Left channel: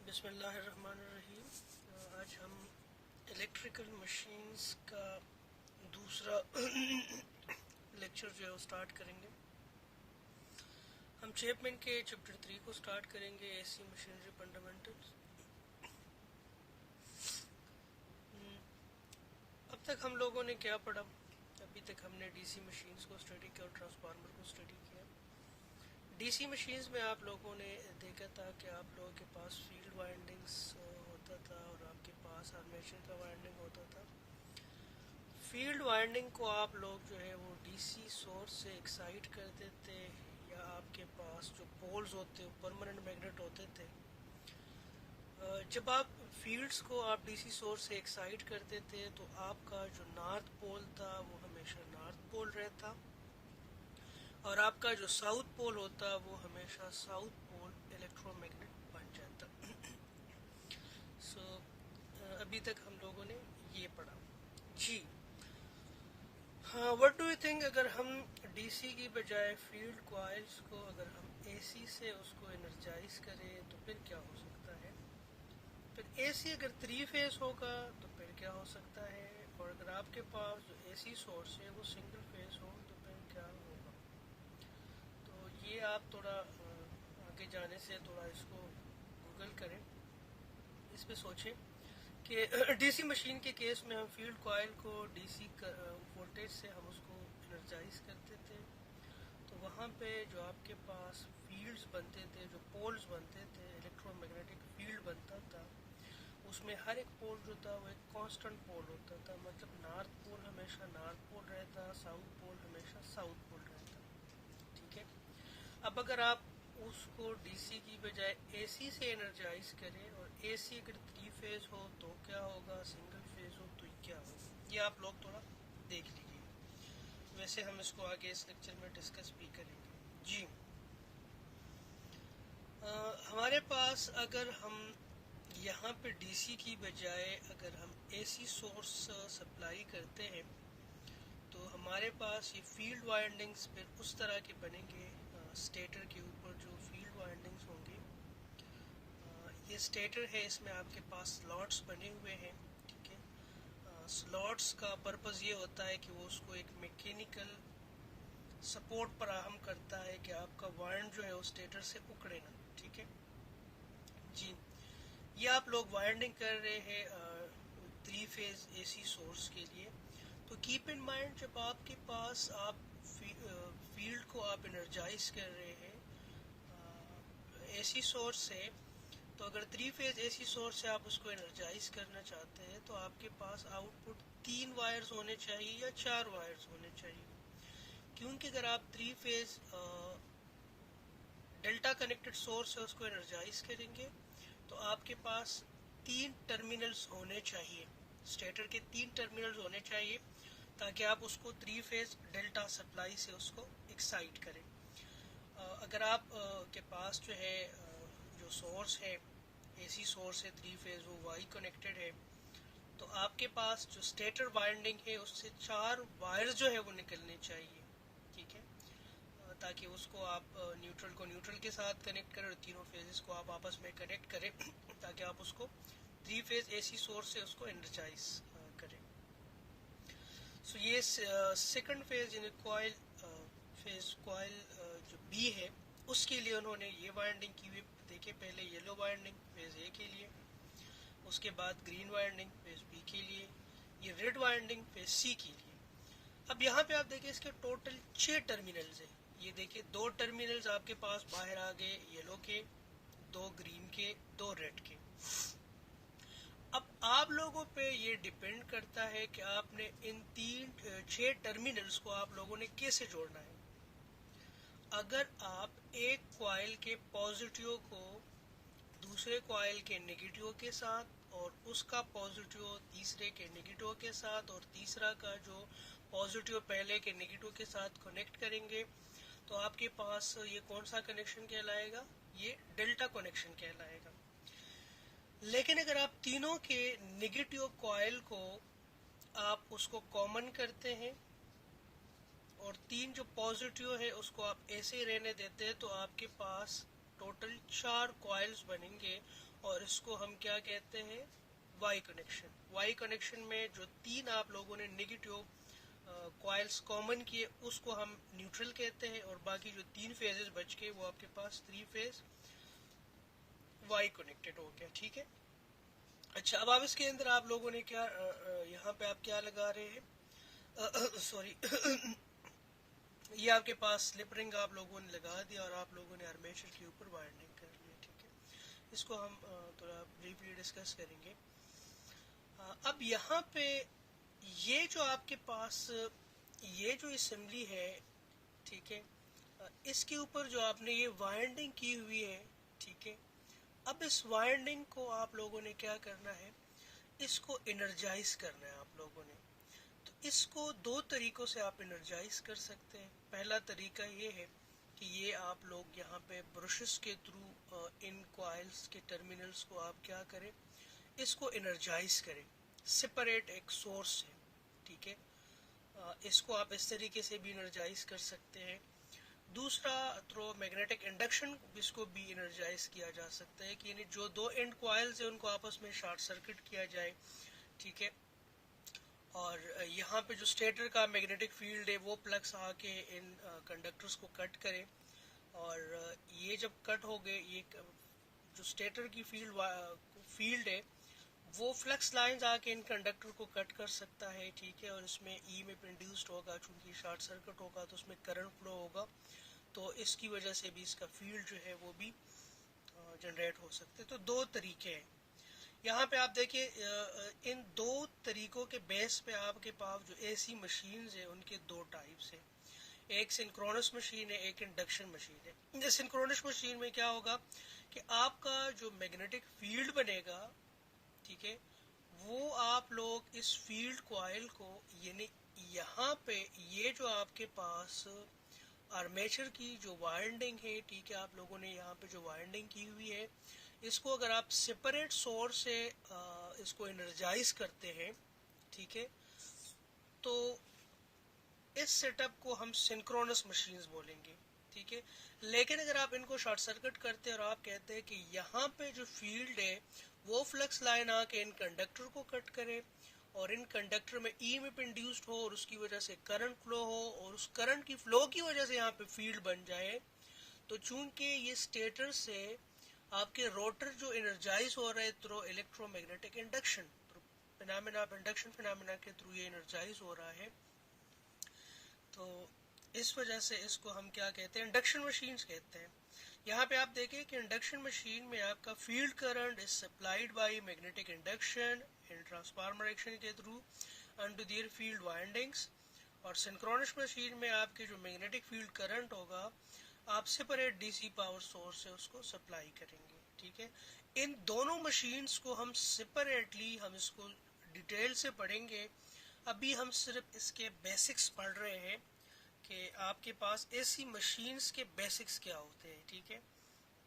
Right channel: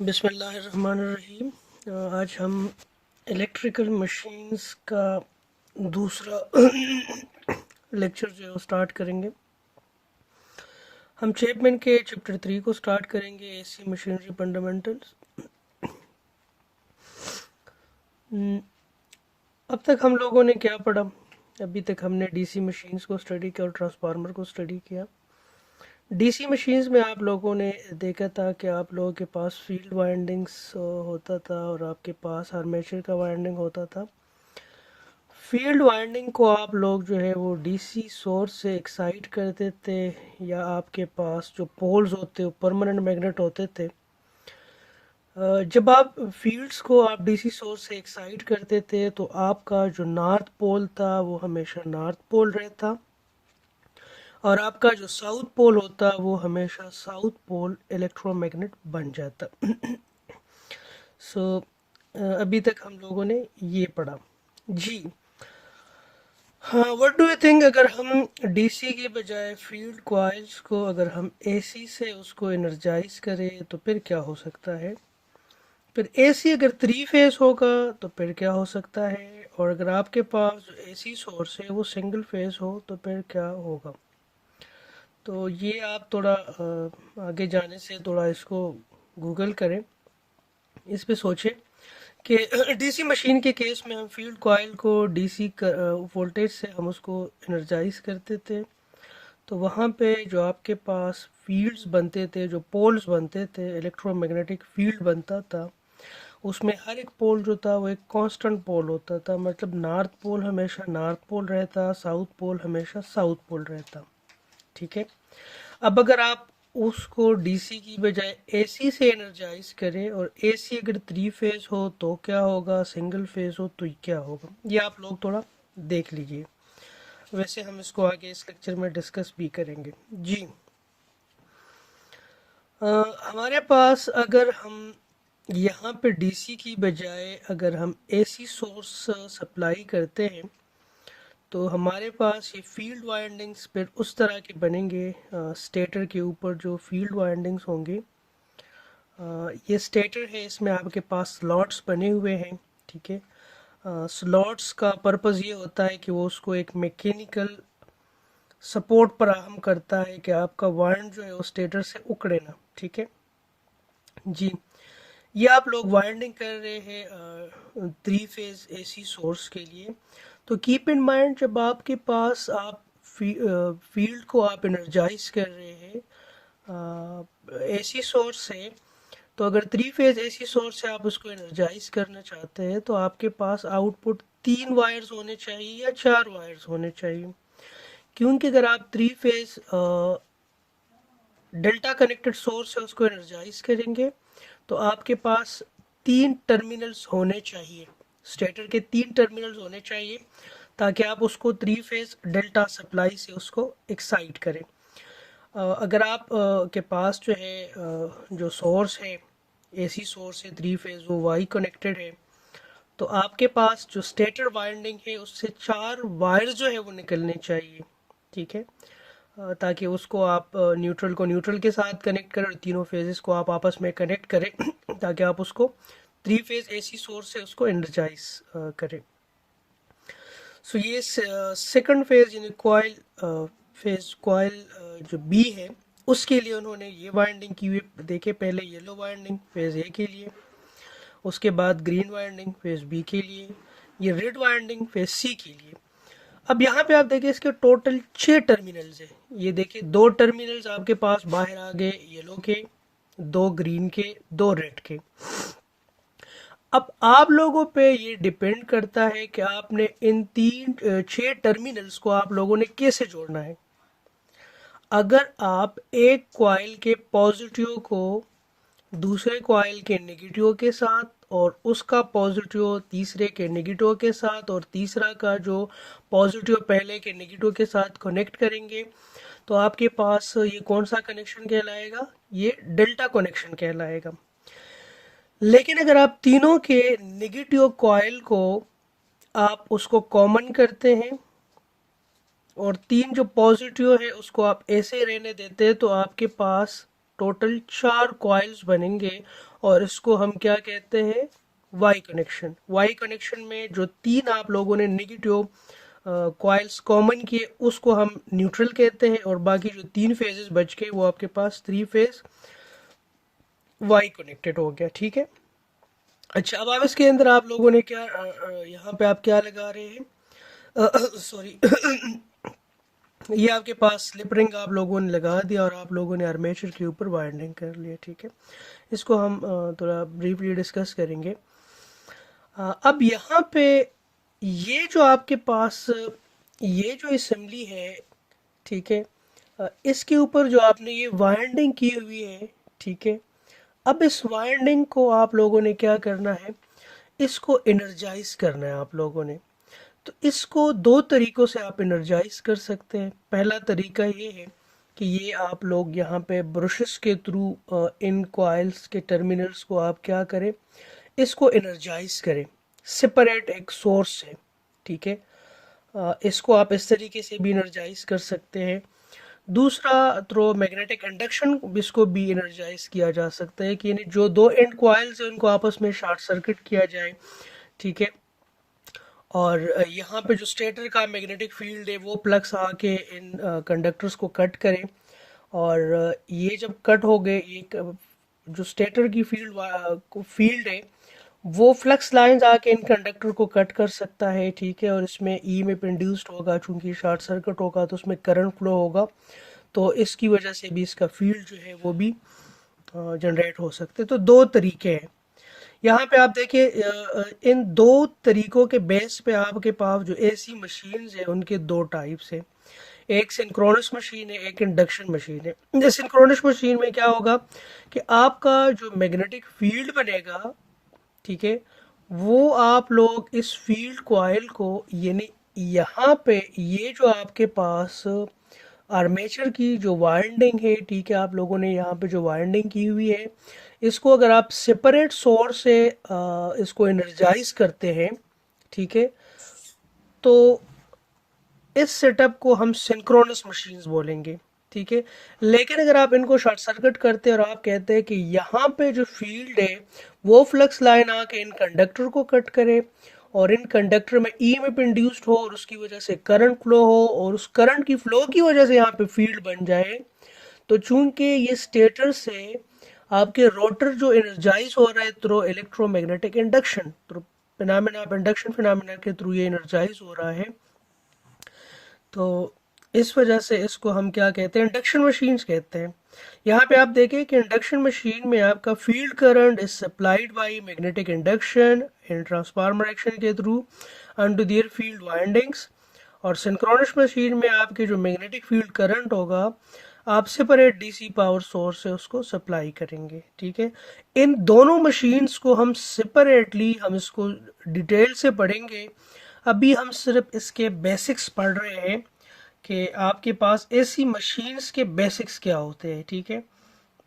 बिस्मिल्लाहिर्रहमानिर्रहीम। आज हम इलेक्ट्रिकल मशीन्स का दूसरा लेक्चर जो है वो स्टार्ट करेंगे। हम चैपमैन के चैप्टर 3 को स्टार्ट करेंगे, एसी मशीनरी फंडामेंटल्स। अब तक हम लोगों ने क्या पढ़ा? अभी तक हमने डीसी मशीन्स को स्टडी किया और ट्रांसफार्मर को स्टडी किया। डीसी मशीन्स में आप लोगों ने देखा था कि आप लोगों के पास फील्ड वाइंडिंग्स होता था और आपके पास आर्मेचर का वाइंडिंग होता था। फील्ड वाइंडिंग को आप लोग जो है वो डीसी सोर्स से एक्साइट करते थे, या आपके पास जो पोल्स होते वो परमानेंट मैग्नेट होते थे। जब आप फील्ड्स को आप डीसी सोर्स से एक्साइट करते थे तो आपका जो नॉर्थ पोल था वो हमेशा नॉर्थ पोल रहता, और आपका जो साउथ पोल होता वो हमेशा साउथ पोल इलेक्ट्रोमैग्नेट बन जाता। सो अभी तक हम लोगों ने ये पढ़ा जी। हाँ, व्हाट डू यू थिंक, अगर हम डीसी के बजाय फील्ड कॉइल्स को अगर हम एसी से उसको एनर्जाइज करें तो फिर क्या हो सकता है? फिर एसी अगर 3 फेस होगा तो फिर क्या हो सकता है? और अगर आपके पास जो एसी सोर्स है वो सिंगल फेस हो तो फिर क्या होगा? तो ये आप थोड़ा आगे जाने से थोड़ा इसको गूगल करें, इस पे सोचें कि डीसी मशीन के केस में हम फील्ड कॉइल को डीसी वोल्टेज से हम उसको एनर्जाइज करते थे। तो वहाँ पे जो आपके पास फील्ड्स बनते थे, जो पोल्स बनते थे, इलेक्ट्रोमैग्नेटिक फील्ड बनता था, उसमें हर एक पोल जो था वो एक कांस्टेंट पोल होता था। मतलब नॉर्थ पोल हमेशा नॉर्थ पोल रहता, साउथ पोल हमेशा साउथ पोल रहता। ठीक है। अब अगर आप उसको डीसी की बजाय एसी से एनर्जाइज करें, और एसी अगर 3 फेज हो तो क्या होगा, सिंगल फेज हो तो क्या होगा, ये आप लोग थोड़ा देख लीजिए। वैसे हम इसको आगे इस लेक्चर में डिस्कस भी करेंगे जी। हमारे पास अगर हम यहाँ पे डीसी की बजाय अगर हम एसी सोर्स सप्लाई करते हैं तो हमारे पास ये फील्ड वाइंडिंग्स फिर उस तरह के बनेंगे। स्टेटर के ऊपर जो फील्ड वाइंडिंग्स होंगे, ये स्टेटर है, इसमें आपके पास स्लॉट्स बने हुए हैं। ठीक है। स्लॉट्स का पर्पज़ ये होता है कि वो उसको एक मैकेनिकल सपोर्ट फराहम करता है कि आपका वाइंड जो है वो स्टेटर से उखड़े ना। ठीक है जी। ये आप लोग वाइंडिंग कर रहे हैं 3 फेज एसी सोर्स के लिए। तो कीप इन माइंड, जब आपके पास आप फील्ड को आप एनर्जाइज कर रहे हैं एसी सोर्स से, तो अगर 3 फेज एसी सोर्स से आप उसको एनर्जाइज करना चाहते हैं तो आपके पास आउटपुट 3 वायर्स होने चाहिए या 4 वायर्स होने चाहिए। क्योंकि अगर आप 3 फेज डेल्टा कनेक्टेड सोर्स से उसको एनर्जाइज करेंगे तो आपके पास 3 टर्मिनल्स होने चाहिए, स्टेटर के 3 टर्मिनल्स होने चाहिए, ताकि आप उसको 3 फेज डेल्टा सप्लाई से उसको एक्साइट करें। अगर आप के पास जो है जो सोर्स है, एसी सोर्स है 3 फेज, वो वाई कनेक्टेड है, तो आपके पास जो स्टेटर वाइंडिंग है उससे 4 वायर जो है वो निकलने चाहिए। ठीक है। ताकि उसको आप न्यूट्रल को न्यूट्रल के साथ कनेक्ट करें और तीनों फेजेस को आप आपस में कनेक्ट करें ताकि आप उसको 3 फेज एसी सोर्स से उसको एनर्जाइज करें। सो ये सेकंड फेज यानी कॉइल फेज कॉइल जो बी है उसके लिए उन्होंने ये वाइंडिंग की हुई। देखे, पहले येलो वाइंडिंग फेज ए के लिए, उसके बाद ग्रीन वाइंडिंग फेज बी के लिए, ये रेड वाइंडिंग फेज सी के लिए। अब यहाँ पे आप देखिए इसके टोटल 6 टर्मिनल्स है। ये देखिए 2 टर्मिनल्स आपके पास बाहर आ गए येलो के, 2 ग्रीन के, 2 रेड के। अब आप लोगों पे ये डिपेंड करता है कि आपने इन 6 टर्मिनल्स को आप लोगों ने कैसे जोड़ना है। अगर आप एक कॉइल के पॉजिटिव को दूसरे कॉइल के नेगेटिव के साथ, और उसका पॉजिटिव तीसरे के नेगेटिव के साथ, और तीसरा का जो पॉजिटिव पहले के नेगेटिव के साथ कनेक्ट करेंगे, तो आपके पास ये कौन सा कनेक्शन कहलाएगा? ये डेल्टा कनेक्शन कहलाएगा। लेकिन अगर आप तीनों के नेगेटिव कॉइल को आप उसको कॉमन करते हैं और 3 जो पॉजिटिव है उसको आप ऐसे रहने देते हैं, तो आपके पास टोटल 4 कॉइल्स बनेंगे और इसको हम क्या कहते हैं, वाई कनेक्शन। वाई कनेक्शन में जो 3 आप लोगों ने नेगेटिव कॉइल्स कॉमन किए उसको हम न्यूट्रल कहते हैं, और बाकी जो 3 फेजेस बच गए वो आपके पास 3 फेज वाई कनेक्टेड हो गया। ठीक है, अच्छा अब आप इसके अंदर आप लोगों ने क्या यहाँ पे आप क्या लगा रहे हैं, सॉरी ये आपके पास स्लिप रिंग आप लोगों ने लगा दिया और आप लोगों ने आर्मेचर के ऊपर वाइंडिंग कर लिया। ठीक है, इसको हम थोड़ा ब्रीफली डिस्कस करेंगे। अब यहाँ पे ये जो आपके पास ये जो असेंबली है, ठीक है, इसके ऊपर जो आपने ये वाइंडिंग की हुई है, ठीक है, अब इस वाइंडिंग को आप लोगों ने क्या करना है, इसको एनर्जाइज करना है आप लोगों ने। तो इसको 2 तरीकों से आप एनर्जाइज कर सकते हैं। पहला तरीका ये है कि ये आप लोग यहाँ पे ब्रशेस के थ्रू इन कॉइल्स के टर्मिनल्स को आप क्या करें, इसको एनर्जाइज करें सेपरेट एक सोर्स से। ठीक है, इसको आप इस तरीके से भी एनर्जाइज कर सकते हैं। दूसरा थ्रो मैग्नेटिक इंडक्शन इसको भी एनर्जाइज किया जा सकता है कि यानी जो 2 एंड कॉइल्स हैं उनको आपस में शॉर्ट सर्किट किया जाए। ठीक है, और यहाँ पे जो स्टेटर का मैग्नेटिक फील्ड है वो प्लग्स आके इन कंडक्टर्स को कट करें, और ये जब कट हो गए, एक जो स्टेटर की फील्ड है वो फ्लक्स लाइंस आके इन कंडक्टर को कट कर सकता है। ठीक है, और इसमें ई में इंड्यूस्ड होगा, चूंकि शॉर्ट सर्किट होगा तो उसमें करंट फ्लो होगा, तो इसकी वजह से भी इसका फील्ड जो है वो भी जनरेट हो सकते हैं। तो 2 तरीके हैं यहाँ पे, आप देखिए इन 2 तरीकों के बेस पे आपके पास जो एसी मशीन्स है उनके 2 टाइप्स हैं। एक सिंक्रोनस मशीन है, एक इंडक्शन मशीन है। सिंक्रोनस मशीन में क्या होगा कि आपका जो मैग्नेटिक फील्ड बनेगा, ठीक है, वो आप लोग इस फील्ड कॉइल को यानी यहाँ पे ये जो आपके पास आर्मेचर की जो वाइंडिंग है, ठीक है, आप लोगों ने यहाँ पे जो वाइंडिंग की हुई है इसको अगर आप सेपरेट सोर्स से इसको एनर्जाइज करते हैं, ठीक है, तो इस सेटअप को हम सिंक्रोनस मशीन्स बोलेंगे। ठीक है, लेकिन अगर आप इनको शॉर्ट सर्किट करते हैं और आप कहते हैं कि यहाँ पे जो फील्ड है वो फ्लक्स लाइन आके इन कंडक्टर को कट करे और इन कंडक्टर में ईएमएफ इंड्यूस्ड हो और उसकी वजह से करंट फ्लो हो और उस करंट की फ्लो की वजह से यहाँ पे फील्ड बन जाए, तो चूंकि ये स्टेटर से आपके रोटर जो एनर्जाइज हो रहा है through electromagnetic induction, through phenomena of induction phenomena के थ्रू ये एनर्जाइज हो रहा है, तो इस वजह से इसको हम क्या कहते हैं, इंडक्शन मशीन्स कहते हैं। यहाँ पे आप देखें कि इंडक्शन मशीन में आपका field current is supplied by magnetic induction in transformer action के through under their field windings, और सिंक्रोनस मशीन में आपके जो मैग्नेटिक फील्ड करंट होगा आप सेपरेट डीसी पावर सोर्स से उसको सप्लाई करेंगे। ठीक है, इन दोनों मशीन्स को हम सेपरेटली हम इसको डिटेल से पढ़ेंगे। अभी हम सिर्फ इसके बेसिक्स पढ़ रहे हैं कि आपके पास एसी मशीन्स के बेसिक्स क्या होते हैं। ठीक है,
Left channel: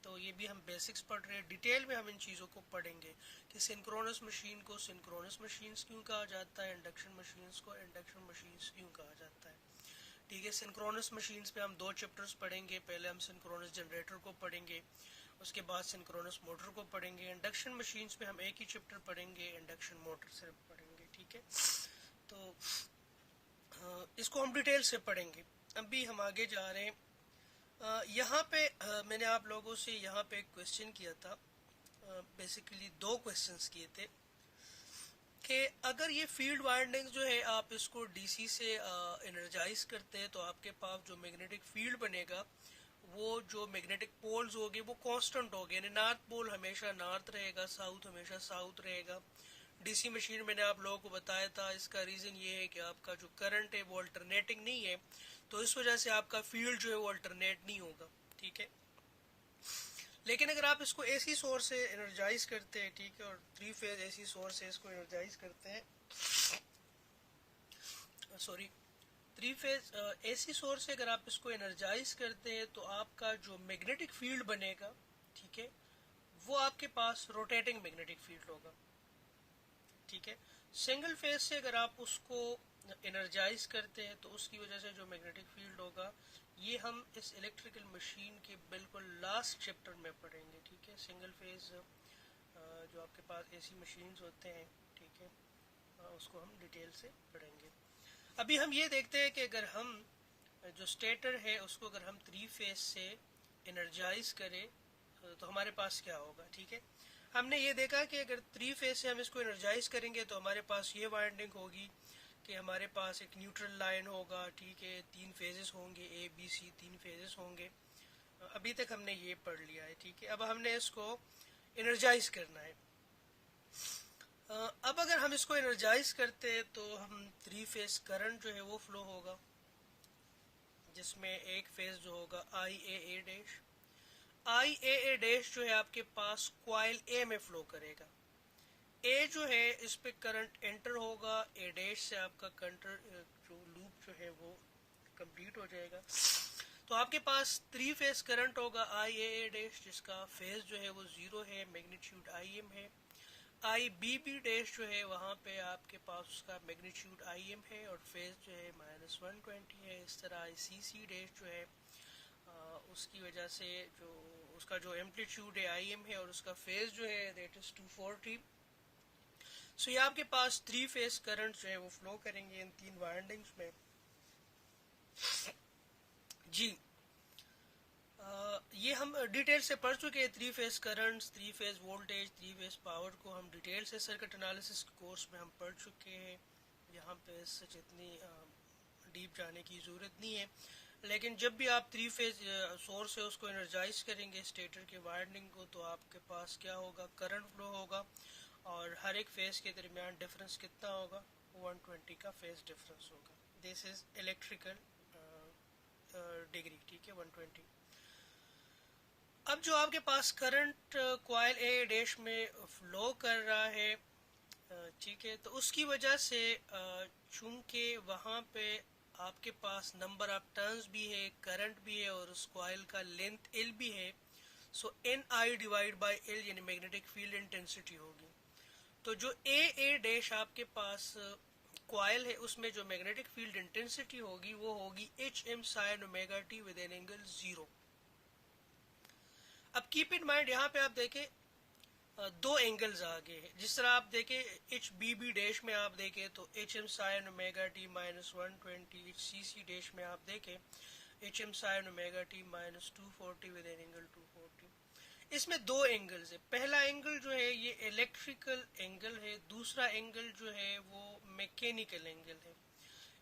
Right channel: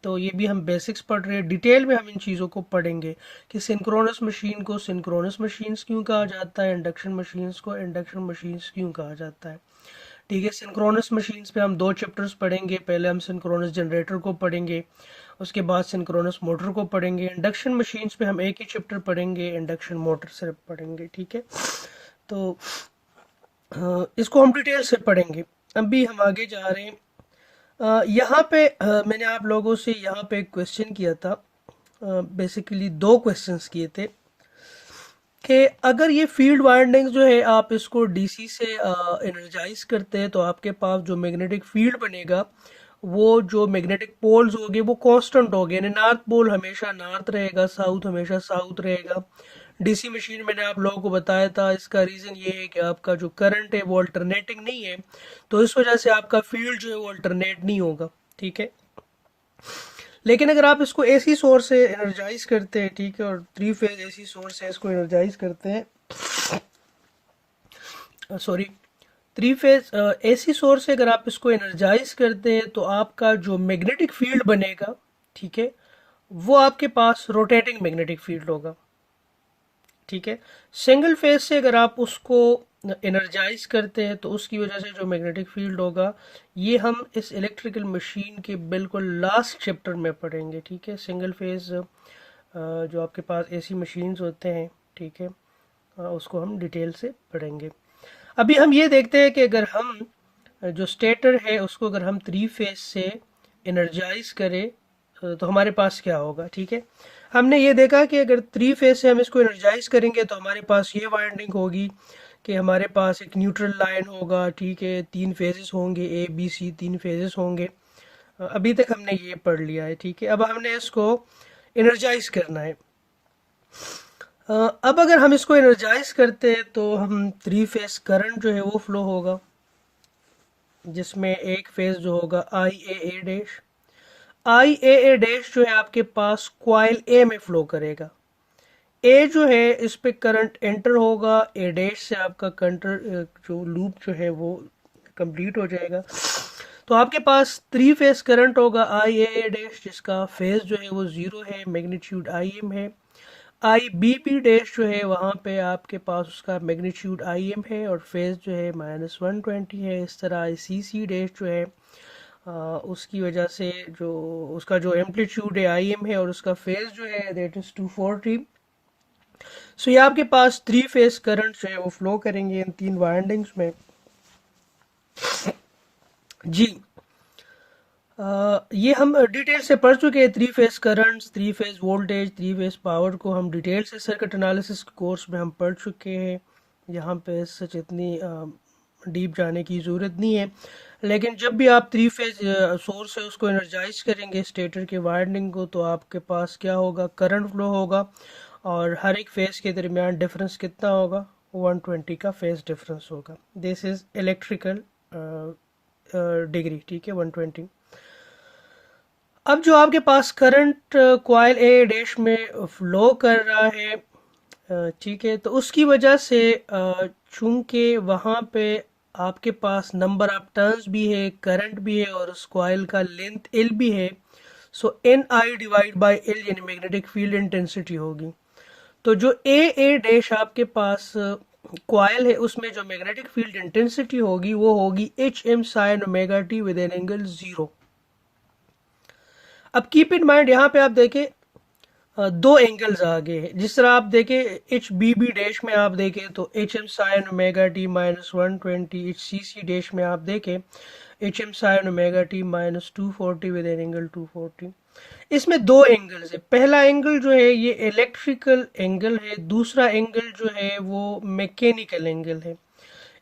तो ये भी हम बेसिक्स पढ़ रहे हैं, डिटेल में हम इन चीज़ों को पढ़ेंगे कि सिंक्रोनस मशीन को सिंक्रोनस मशीन्स क्यों कहा जाता है, इंडक्शन मशीन्स को इंडक्शन मशीन्स क्यों कहा जाता है। ठीक है, सिंक्रोनस मशीन्स पे हम 2 चैप्टर्स पढ़ेंगे। पहले हम सिंक्रोनस जनरेटर को पढ़ेंगे, उसके बाद सिंक्रोनस मोटर को पढ़ेंगे। इंडक्शन मशीन्स पे हम एक ही चैप्टर पढ़ेंगे, इंडक्शन मोटर सिर्फ पढ़ेंगे। ठीक है, तो इसको हम डिटेल से पढ़ेंगे। अभी हम आगे जा रहे हैं। यहाँ पे मैंने आप लोगों से यहाँ पे एक क्वेश्चन किया था, बेसिकली 2 क्वेश्चंस किए थे कि अगर ये फील्ड वाइंडिंग जो है आप इसको डीसी से एनर्जाइज करते हैं तो आपके पास जो मैग्नेटिक फील्ड बनेगा वो जो मैग्नेटिक पोल्स होंगे वो कांस्टेंट होंगे, यानी नॉर्थ पोल हमेशा नॉर्थ रहेगा, साउथ हमेशा साउथ रहेगा। डीसी मशीन मैंने आप लोगों को बताया था, इसका रीज़न ये है कि आपका जो करंट है वो अल्टरनेटिंग नहीं है, तो इस वजह से आपका फील्ड जो है वो अल्टरनेट नहीं होगा। ठीक है, लेकिन अगर आप इसको एसी सोर्स से एनर्जाइज करते हैं, ठीक है, और 3 फेज एसी सोर्स से इसको एनर्जाइज करते हैं, सॉरी 3 फेज एसी सोर्स से अगर आप इसको एनर्जाइज करते हैं तो आपका जो मैग्नेटिक फील्ड बनेगा, ठीक है, वो आपके पास रोटेटिंग मैग्नेटिक फील्ड होगा। ठीक है। सिंगल फेज से अगर आप उसको एनर्जाइज करते हैं तो उसकी वजह से जो मैग्नेटिक फील्ड होगा, ये हम इस इलेक्ट्रिकल मशीन के बिल्कुल लास्ट चैप्टर में पढ़ेंगे, ठीक है। सिंगल फेज जो आपके पास एसी मशीन्स होते हैं, ठीक है, उसको हम डिटेल से पढ़ेंगे। अभी हम ये देखते हैं कि अगर हम जो स्टेटर है उसको अगर हम 3 फेज से एनर्जाइज करें तो हमारे पास क्या होगा, ठीक है। हमने ये देखा कि अगर 3 फेज से हम इसको एनर्जाइज करेंगे तो हमारे पास ये वाइंडिंग होगी कि हमारे पास एक न्यूट्रल लाइन होगा, ठीक है, 3 फेजेस होंगे, ए बी सी 3 फेजेस होंगे। अभी तक हमने ये पढ़ लिया है, ठीक है। अब हमने इसको एनर्जाइज करना है। अब अगर हम इसको एनर्जाइज करते हैं तो हम 3 फेज करंट जो है वो फ्लो होगा, जिसमें एक फेज जो होगा आई ए ए डैश जो है आपके पास क्वाइल ए में फ्लो करेगा। ए जो है इस पे करंट एंटर होगा, ए डैश से आपका कंटर जो लूप जो है वो कंप्लीट हो जाएगा। तो आपके पास 3 फेज करंट होगा आई ए ए डैश, जिसका फेज जो है वो 0 है, मैग्नीट्यूड आई एम है। आई बी बी डैश जो है वहाँ पे आपके पास उसका मैग्नीट्यूड आई एम है और फेज जो है -120 है। इस तरह आई सी सी डैश जो है उसकी वजह से जो उसका जो एम्पलीट्यूड है आई एम है और उसका फेज जो है दैट इज 240। सो ये आपके पास 3 फेज करंट जो है वो फ्लो करेंगे इन 3 वाइंडिंग्स में। जी ये हम डिटेल से पढ़ चुके हैं। 3 phase currents, 3 phase voltage, 3 phase power को हम डिटेल से सर्किट एनालिसिस कोर्स में हम पढ़ चुके हैं। यहाँ पे सच इतनी डीप जाने की ज़रूरत नहीं है। लेकिन जब भी आप 3 फेज सोर्स है उसको एनर्जाइज करेंगे स्टेटर के वाइंडिंग को, तो आपके पास क्या होगा, करंट फ्लो होगा और हर एक फेज के दरमियान डिफरेंस कितना होगा, 120 का फेज डिफरेंस होगा। दिस इज इलेक्ट्रिकल डिग्री, ठीक है, 120। अब जो आपके पास करंट कॉइल ए डैश में फ्लो कर रहा है, ठीक है, तो उसकी वजह से चूंकि वहाँ पे आपके पास नंबर ऑफ टर्न्स भी है, करंट भी है और उस कॉइल का लेंथ एल भी है, so N I divide by L यानी मैग्नेटिक फील्ड इंटेंसिटी होगी। तो जो ए डैश आपके पास कॉइल है उसमें जो मैग्नेटिक फील्ड इंटेंसिटी होगी वो होगी H M sine omega T with an angle 0। अब कीप इन माइंड यहाँ पे आप देखें दो एंगल्स आगे हैं। जिस तरह आप देखें एच बी बी डैश में आप देखें तो H M sine omega T -120, H C C dash में आप देखें H M sine omega T -240 with an angle 240। इसमें दो एंगल्स है। पहला एंगल जो है ये इलेक्ट्रिकल एंगल है, दूसरा एंगल जो है वो मैकेनिकल एंगल है।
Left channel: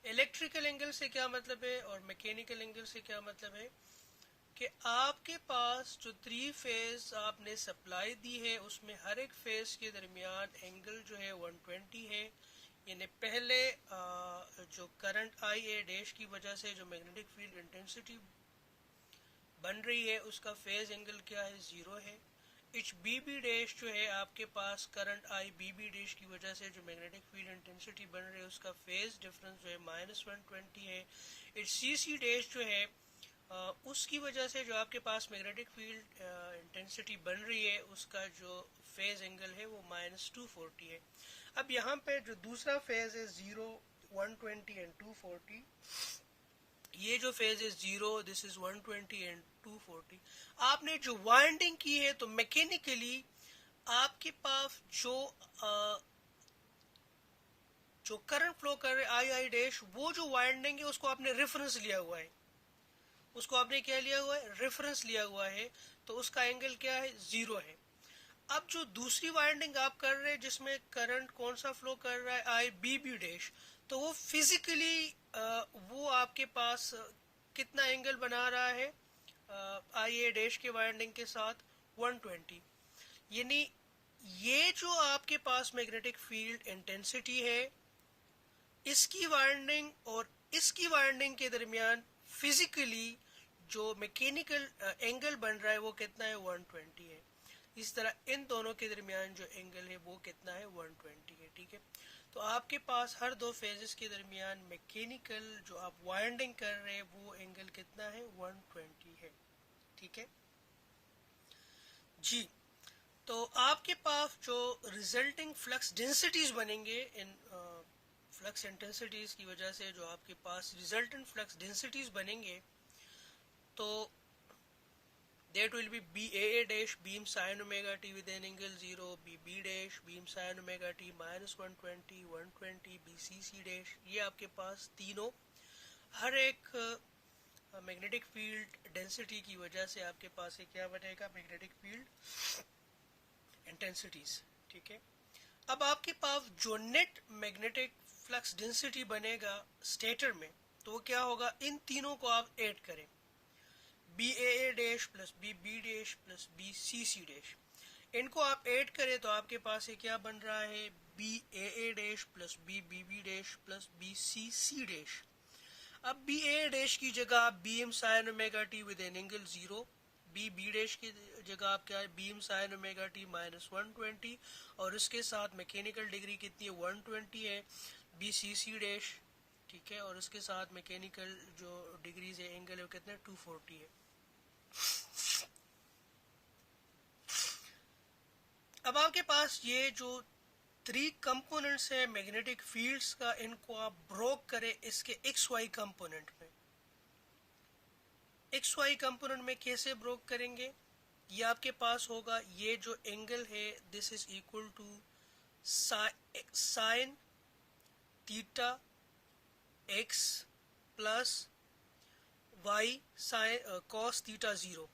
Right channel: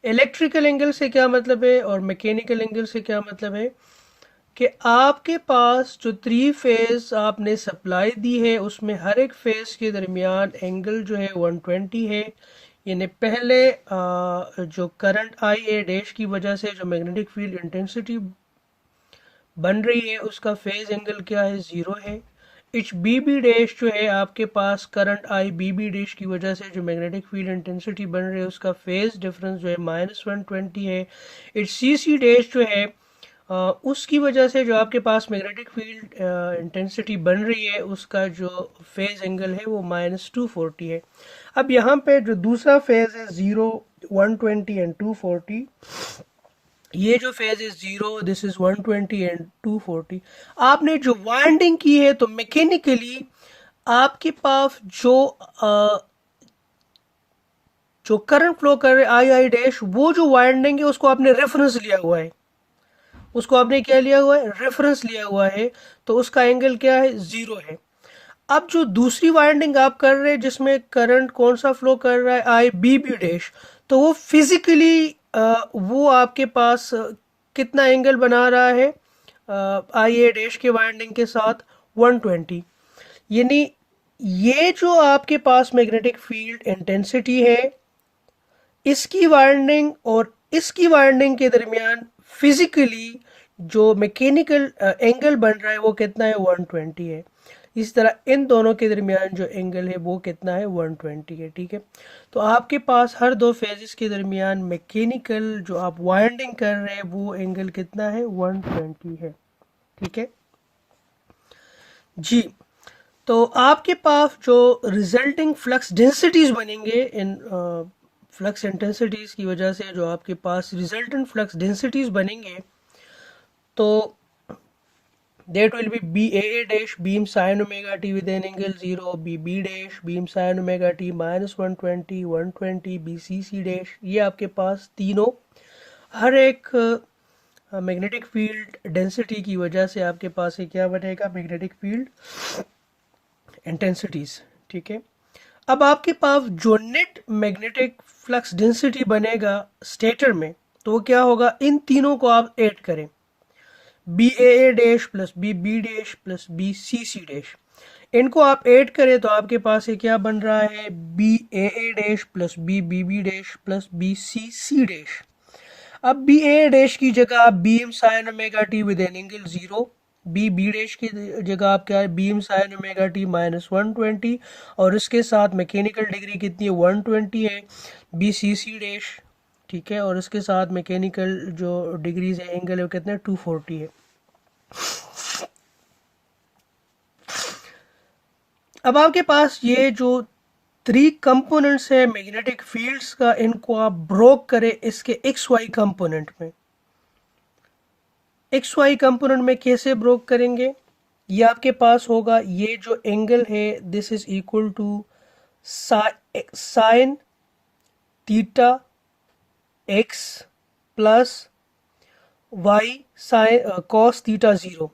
इलेक्ट्रिकल एंगल से क्या मतलब है और मैकेनिकल एंगल से क्या मतलब है कि आपके पास जो 3 फेज आपने सप्लाई दी है उसमें हर एक फेज के दरमियान एंगल जो है 120 है। यानी पहले जो करंट आई ए डैश की वजह से जो मैग्नेटिक फील्ड इंटेंसिटी बन रही है उसका फेज एंगल क्या है, 0 है। एच बी बी डैश जो है आपके पास current I B B dash की वजह से जो मैग्नेटिक फील्ड इंटेंसिटी बन रही है उसका फेज डिफरेंस जो है -120 है। एच सी सी डैश जो है उसकी वजह से जो आपके पास मैग्नेटिक फील्ड इंटेंसिटी बन रही है उसका जो फेज एंगल है वो -240 है। अब यहाँ पे जो दूसरा फेज है 0, 120 एंड 240, ये जो फेज है 0, दिस इज 120 एंड 240। आपने जो वाइंडिंग की है तो मैकेनिकली आपके पास जो करंट फ्लो कर रहे आई आई डैश, वो जो वाइंडिंग है उसको आपने रेफरेंस लिया हुआ है, उसको आपने क्या लिया हुआ है, रेफरेंस लिया हुआ है, तो उसका एंगल क्या है, 0 है। अब जो दूसरी वाइंडिंग आप कर रहे हैं जिसमें करंट कौन सा फ्लो कर रहा है, आई बी बी डैश, तो वो फिजिकली वो आपके पास कितना एंगल बना रहा है आई ए डैश के वाइंडिंग के साथ, 120। यानी ये जो आपके पास मैग्नेटिक फील्ड इंटेंसिटी है इसकी वाइंडिंग और इसकी वाइंडिंग के दरमियान फिजिकली जो मैकेनिकल एंगल बन रहा है वो कितना है, 120 है। इस तरह इन दोनों के दरमियान जो एंगल है वो कितना है, 120 है, ठीक है। तो आपके पास हर दो फेजेस के दरमियान मैकेनिकल जो आप वाइंडिंग कर रहे हैं वो एंगल कितना है, 120 है, ठीक है जी। तो आपके पास जो रिजल्टिंग फ्लक्स डेंसिटीज बनेंगे इन फ्लक्स इंटेंसिटीज की वजह से जो आपके पास रिजल्टेंट फ्लक्स डेंसिटीज बनेंगे, तो that will be BAA dash beam sin omega t with an angle 0, BB dash beam sin omega t minus 120, 120, BCC dash, ये आपके पास तीनों हर एक मैग्नेटिक फील्ड डेंसिटी की वजह से आपके पास ये क्या बनेगा, मैग्नेटिक फील्ड इंटेंसिटीज। ठीक है, अब आपके पास जो नेट मैग्नेटिक फ्लक्स डेंसिटी बनेगा स्टेटर में, तो वो क्या होगा, इन तीनों को आप ऐड करें, B A dash plus B B dash plus B C C dash, इनको आप ऐड करें तो आपके पास ये क्या बन रहा है, B A dash plus B B B dash plus B C C dash. अब बी ए डैश की जगह आप Bm sine omega T with an angle 0, B B dash की जगह आप क्या है, Bm sine omega T minus 120, और इसके साथ मैकेनिकल डिग्री कितनी है, 120 है, बी सी सी डैश। ठीक है, और इसके साथ मैकेनिकल जो डिग्रीज है एंगल है वो कितने 240 है। अब आपके पास ये जो 3 कंपोनेंट्स है मैग्नेटिक फील्ड्स का, इनको आप ब्रोक करें इसके एक्स वाई कंपोनेंट में। एक्स वाई कंपोनेंट में कैसे ब्रोक करेंगे, ये आपके पास होगा, ये जो एंगल है this is equal to sine theta X plus Y sine cos theta 0,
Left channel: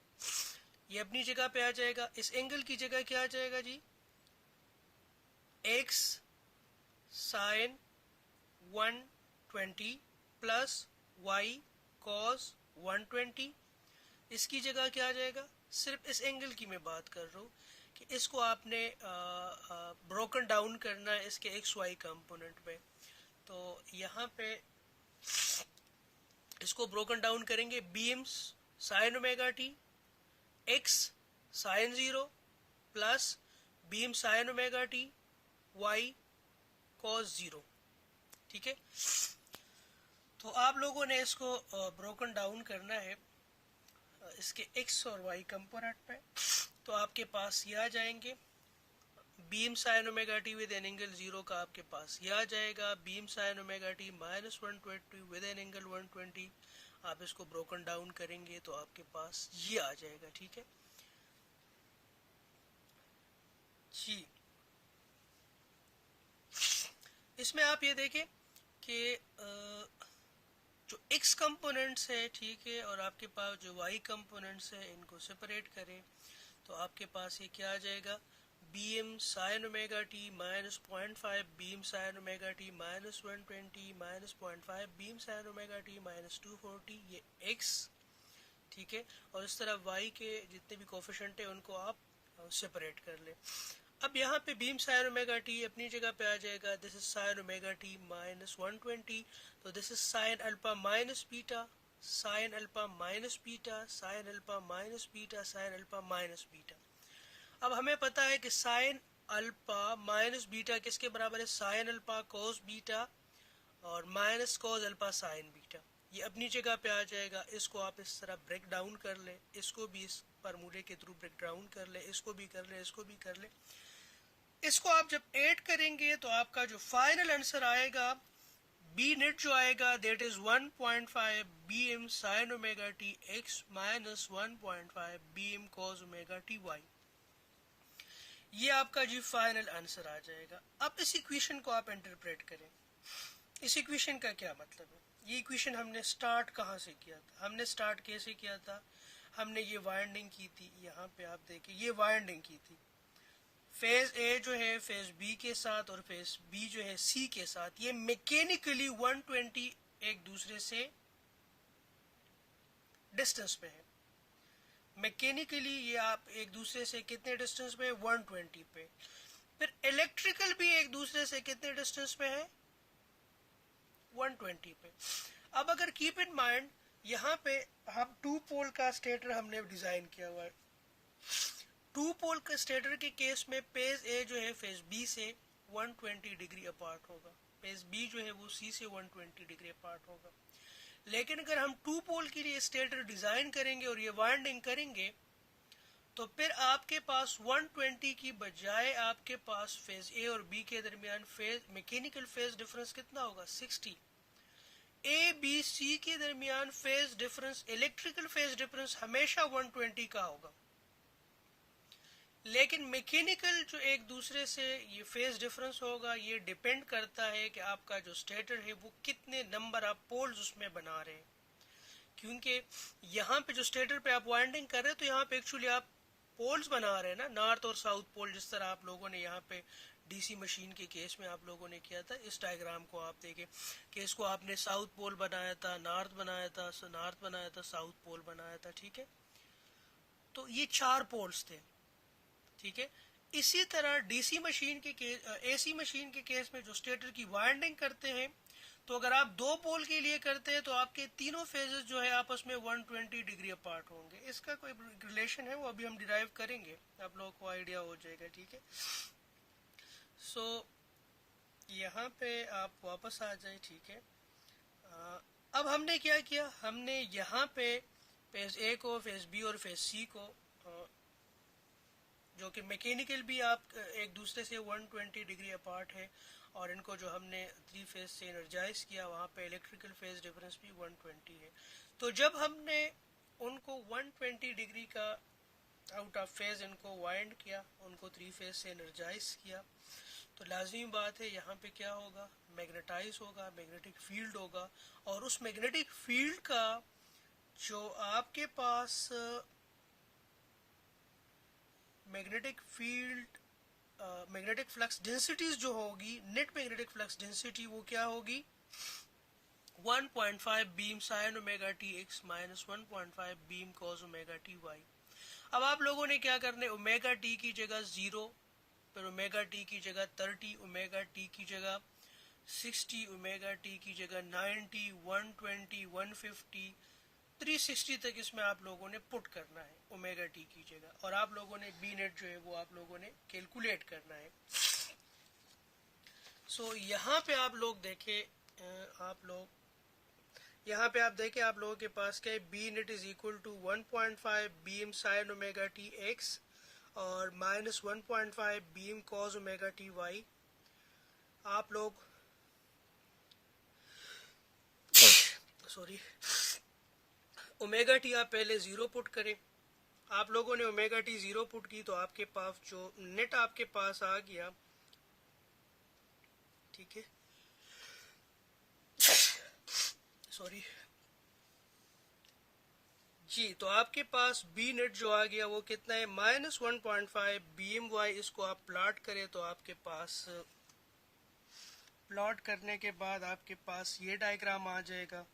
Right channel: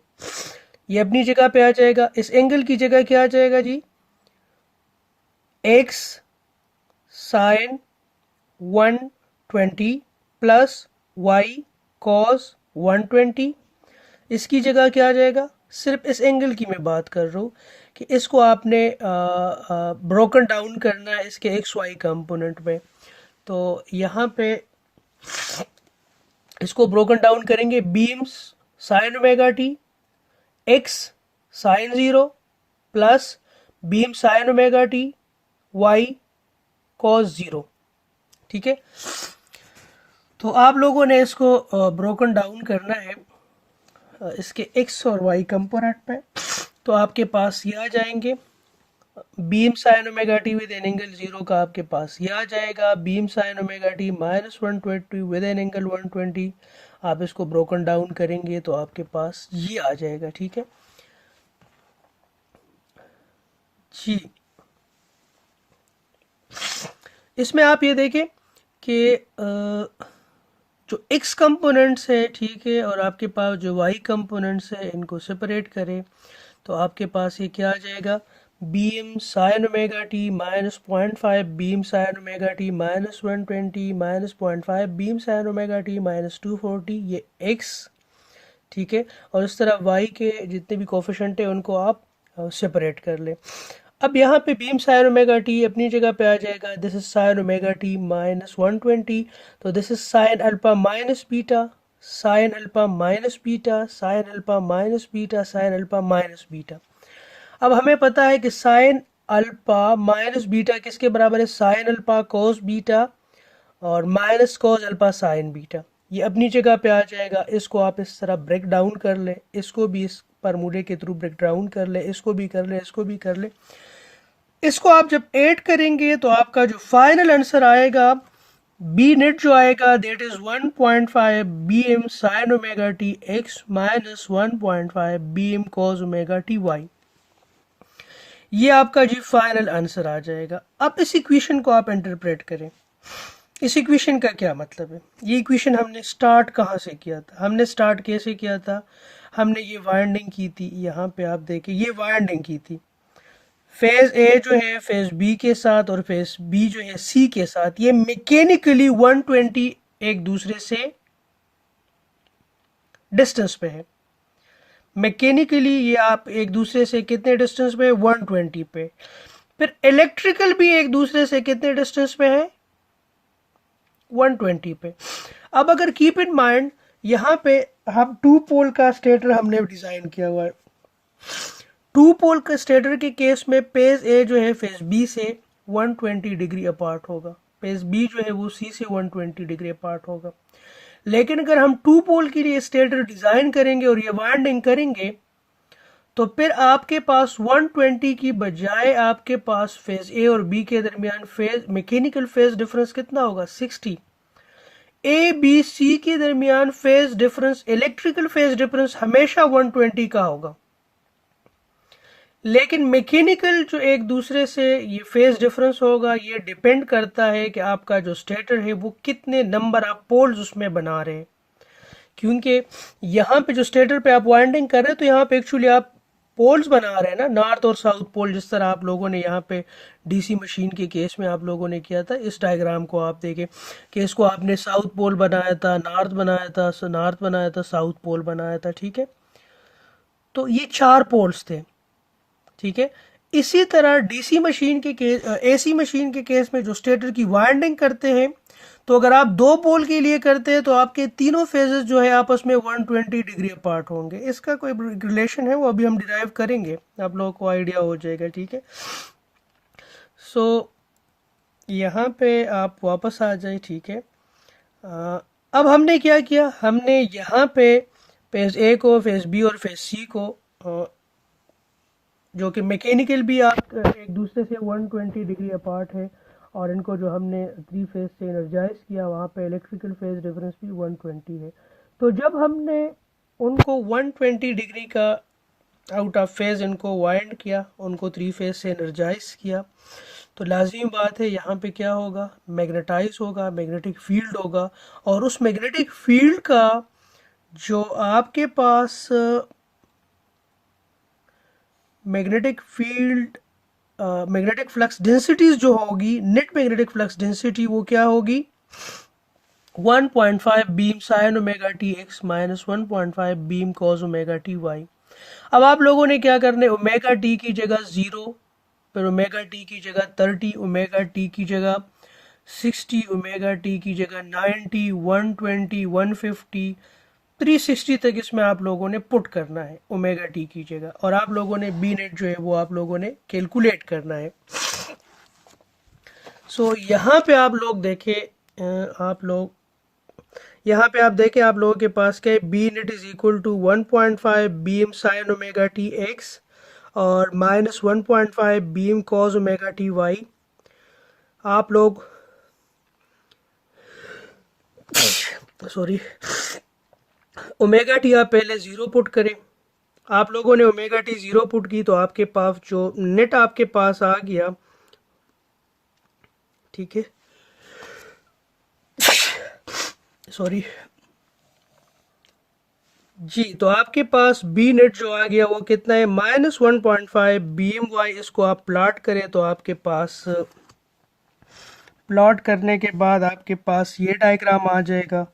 ये अपनी जगह पे आ जाएगा। इस एंगल की जगह क्या आ जाएगा जी, X sine 120 plus Y cos 120, इसकी जगह क्या आ जाएगा, सिर्फ इस एंगल की मैं बात कर रहा हूँ कि इसको आपने ब्रोकन डाउन करना है इसके एक्स वाई कंपोनेंट में। तो यहाँ पे इसको ब्रोकन डाउन करेंगे, beams sine omega T X sine 0 plus beam sine omega T Y cos 0। ठीक है, तो आप लोगों ने इसको ब्रोकन डाउन करना है इसके एक्स और वाई कंपोनेंट पे, तो आपके पास ये आ जाएंगे, beam sine omega T with an angle 0 का आपके पास ये आ जाएगा, beam sine omega T minus 120 with an angle 120, आप इसको ब्रोकन डाउन करेंगे तो आपके पास ये आ जाएगा। ठीक है जी, इसमें आप ये देखें कि जो x कंपोनेंट्स है, ठीक है, और आपके पास जो y कंपोनेंट्स है, इनको सेपरेट करें तो आपके पास ये क्या आ जाएगा, beam sine omega T minus 0.5 beam sine omega T minus 120 minus 0.5 beam sine omega T minus 240, ये x। ठीक है, और इस तरह y के जितने भी कोफिशिएंट है उनको आप सेपरेट कर लें। अब यहाँ पे बीम साइन ओमेगा टी अपनी जगह पे आ जाएगा, this is sine omega T minus 120, तो this is sine alpha minus beta, sine alpha minus beta, sine alpha minus beta, sine alpha minus beta. अब हमें पता है कि साइन अल्फा माइनस बीटा किसके बराबर है, साइन अल्फा कोस बीटा और minus cos alpha sign beta, ये अपनी जगह पे आ जाएगा। इसको आप इस तरह ब्रेक डाउन कर ले, इसको भी इस फॉर्मूले के थ्रू ब्रेक डाउन कर ले, इसको भी कर ले, इसको भी कर ले। इसको आप जब ऐड करेंगे तो आपका जो फाइनल आंसर आएगा, बी नेट जो आएगा that is 1.5 B M sine omega T X minus 1.5 B M cos omega T Y, ये आपका जी फाइनल आंसर आ जाएगा। अब इस इक्वेशन को आप इंटरप्रेट करें, इस इक्वेशन का क्या मतलब है, ये इक्वेशन हमने स्टार्ट कहाँ से किया था, हमने स्टार्ट कैसे किया था, हमने ये वाइंडिंग की थी, यहाँ पे आप देखें ये वाइंडिंग की थी, फेज ए जो है फेज बी के साथ और फेज बी जो है सी के साथ, ये मैकेनिकली 120 एक दूसरे से डिस्टेंस पे है, मैकेनिकली ये आप एक दूसरे से कितने डिस्टेंस पे है, 120 पे। फिर इलेक्ट्रिकल भी एक दूसरे से कितने डिस्टेंस पे है, 120 पे। अब अगर कीप इन माइंड यहाँ पे हम 2 पोल का स्टेटर हमने डिजाइन किया हुआ है, 2 पोल के स्टेटर के केस में फेज ए जो है फेज बी से 120 डिग्री अपार्ट होगा, फेज बी जो है वो सी से 120 डिग्री अपार्ट होगा। लेकिन अगर हम 2 पोल के लिए स्टेटर डिजाइन करेंगे और ये वाइंडिंग करेंगे तो फिर आपके पास 120 की बजाय आपके पास फेज ए और बी के दरमियान फेज मैकेनिकल फेज डिफरेंस कितना होगा 60। ए बी सी के दरमियान phase difference electrical phase difference हमेशा 120 का होगा, लेकिन मैकेनिकल जो एक दूसरे से ये फेज डिफरेंस होगा ये डिपेंड करता है कि आपका जो स्टेटर है वो कितने नंबर ऑफ पोल्स उसमें बना रहे हैं। क्योंकि यहाँ पे जो स्टेटर पे आप वाइंडिंग कर रहे हैं तो यहाँ पे एक्चुअली आप पोल्स बना रहे हैं ना, नॉर्थ और साउथ पोल, जिस तरह आप लोगों ने यहाँ पे डीसी मशीन के केस में आप लोगों ने किया था। इस डायग्राम को आप देखें कि इसको आपने साउथ पोल बनाया था, नॉर्थ बनाया था, नॉर्थ बनाया था, साउथ पोल बनाया था, ठीक है। तो ये 4 पोल्स थे, ठीक है। इसी तरह डीसी मशीन के केस, एसी मशीन के केस में जो स्टेटर की वाइंडिंग करते हैं, तो अगर आप 2 पोल के लिए करते हैं तो आपके तीनों फेजेस जो है आपस में 120 डिग्री अपार्ट होंगे। इसका कोई रिलेशन है वो अभी हम डिराइव करेंगे, आप लोगों को आइडिया हो जाएगा, ठीक है। सो यहाँ पे आप वापस आ जाए, ठीक है। अब हमने क्या किया, हमने यहाँ पे फेज ए को, फेज बी और फेज सी को, जो कि मैकेनिकल भी आप एक दूसरे से 120 डिग्री अपार्ट है, और इनको जो हमने 3 फेज से एनर्जाइज किया वहाँ पे इलेक्ट्रिकल फेज डिफरेंस भी 120 है। तो जब हमने उनको 120 डिग्री का आउट ऑफ फेज इनको वाइंड किया, उनको 3 फेज से एनर्जाइज किया, तो लाजिमी बात है यहाँ पे क्या होगा, मैग्नेटाइज होगा, मैग्नेटिक फील्ड होगा। और उस मैग्नेटिक फील्ड का जो आपके पास magnetic field magnetic flux densities जो होगी, नेट मैग्नेटिक फ्लक्स डेंसिटी वो क्या होगी, 1.5 beam sine omega T X minus 1.5 beam cos omega T Y. अब आप लोगों ने क्या करना है, ओमेगा टी की जगह 0, फिर ओमेगा टी की जगह 30, ओमेगा टी की जगह 60, ओमेगा टी की जगह 90, 120, 150, 360 तक इसमें आप लोगों ने पुट करना है ओमेगा टी की जगह, और आप लोगों ने बी नेट जो है वो आप लोगों ने कैलकुलेट करना है। सो यहाँ पे आप लोग देखें, आप लोगों के पास क्या है, B net is equal to 1.5 beam sine omega T X और minus 1.5 beam cos omega T Y. आप लोग सॉरी ओमेगा टी आप पहले 0 पुट करें। आप लोगों ने ओमेगा टी 0 पुट की तो आपके पास जो नेट आपके पास आ गया, ठीक है, सॉरी जी, तो आपके पास बी नेट जो आ गया वो कितना है, माइनस 1.5 बी एम वाई। इसको आप प्लॉट करें तो आपके पास, प्लॉट करने के बाद आपके पास ये डायग्राम आ जाएगा।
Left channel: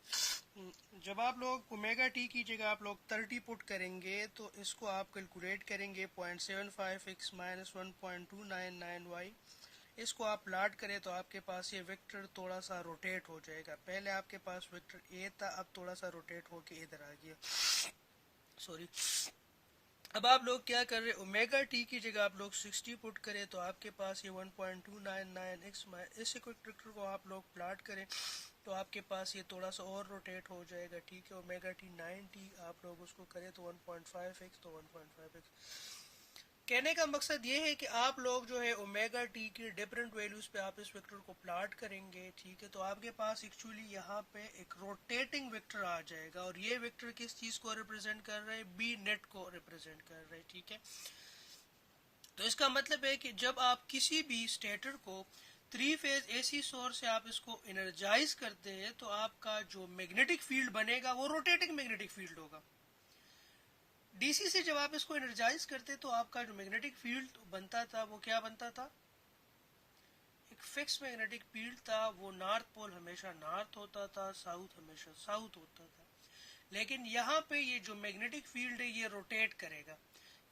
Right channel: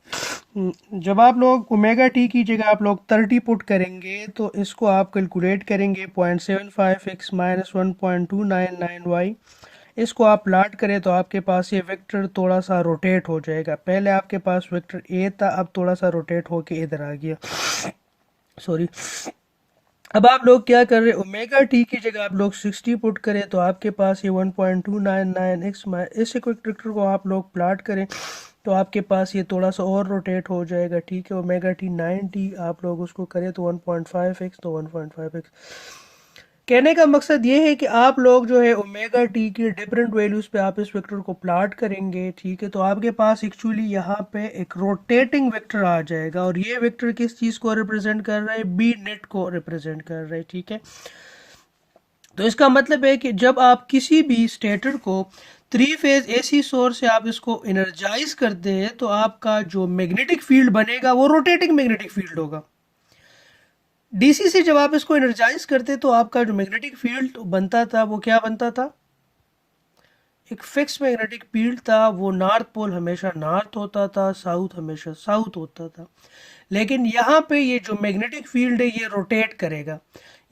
जब आप लोग ओमेगा टी की जगह आप लोग 30 पुट करेंगे तो इसको आप कैलकुलेट करेंगे 0.75 एक्स माइनस 1.299 वाई। इसको आप प्लॉट करें तो आपके पास ये वेक्टर थोड़ा सा रोटेट हो जाएगा। पहले आपके पास वेक्टर ए था, अब थोड़ा सा रोटेट होके इधर आ गया, सॉरी। अब आप लोग क्या कर रहे हैं, ओमेगा टी की जगह आप लोग 60 पुट करें तो आपके पास ये 1.299 एक्स, इस वेक्टर को आप लोग प्लॉट करें तो आपके पास ये थोड़ा सा और रोटेट हो जाएगा, ठीक है। ओमेगा टी 90 आप लोग उसको करें तो 1.5 एक्स, तो 1.5 एक्स। कहने का मकसद ये है कि आप लोग जो है ओमेगा टी की डिफरेंट वैल्यूज पे आप इस वेक्टर को प्लॉट करेंगे, ठीक है। तो आपके पास एक्चुअली यहाँ पे एक रोटेटिंग वेक्टर आ जाएगा, और ये वेक्टर किस चीज़ को रिप्रेजेंट कर रहा है, बी नेट को रिप्रेजेंट कर रहा है, ठीक है। तो इसका मतलब है कि जब आप किसी भी स्टेटर को 3 फेज एसी सोर्स से आप इसको एनर्जाइज करते हैं तो आपका जो मैग्नेटिक फील्ड बनेगा वो रोटेटिंग मैग्नेटिक फील्ड होगा। डीसी से जब आप इसको एनर्जाइज करते तो आपका जो मैग्नेटिक फील्ड बनता था वो क्या बनता था, एक फिक्स मैग्नेटिक फील्ड था। वो नॉर्थ पोल हमेशा नॉर्थ होता था, साउथ हमेशा साउथ होता था। लेकिन यहाँ पे ये जो मैग्नेटिक फील्ड है ये रोटेट करेगा,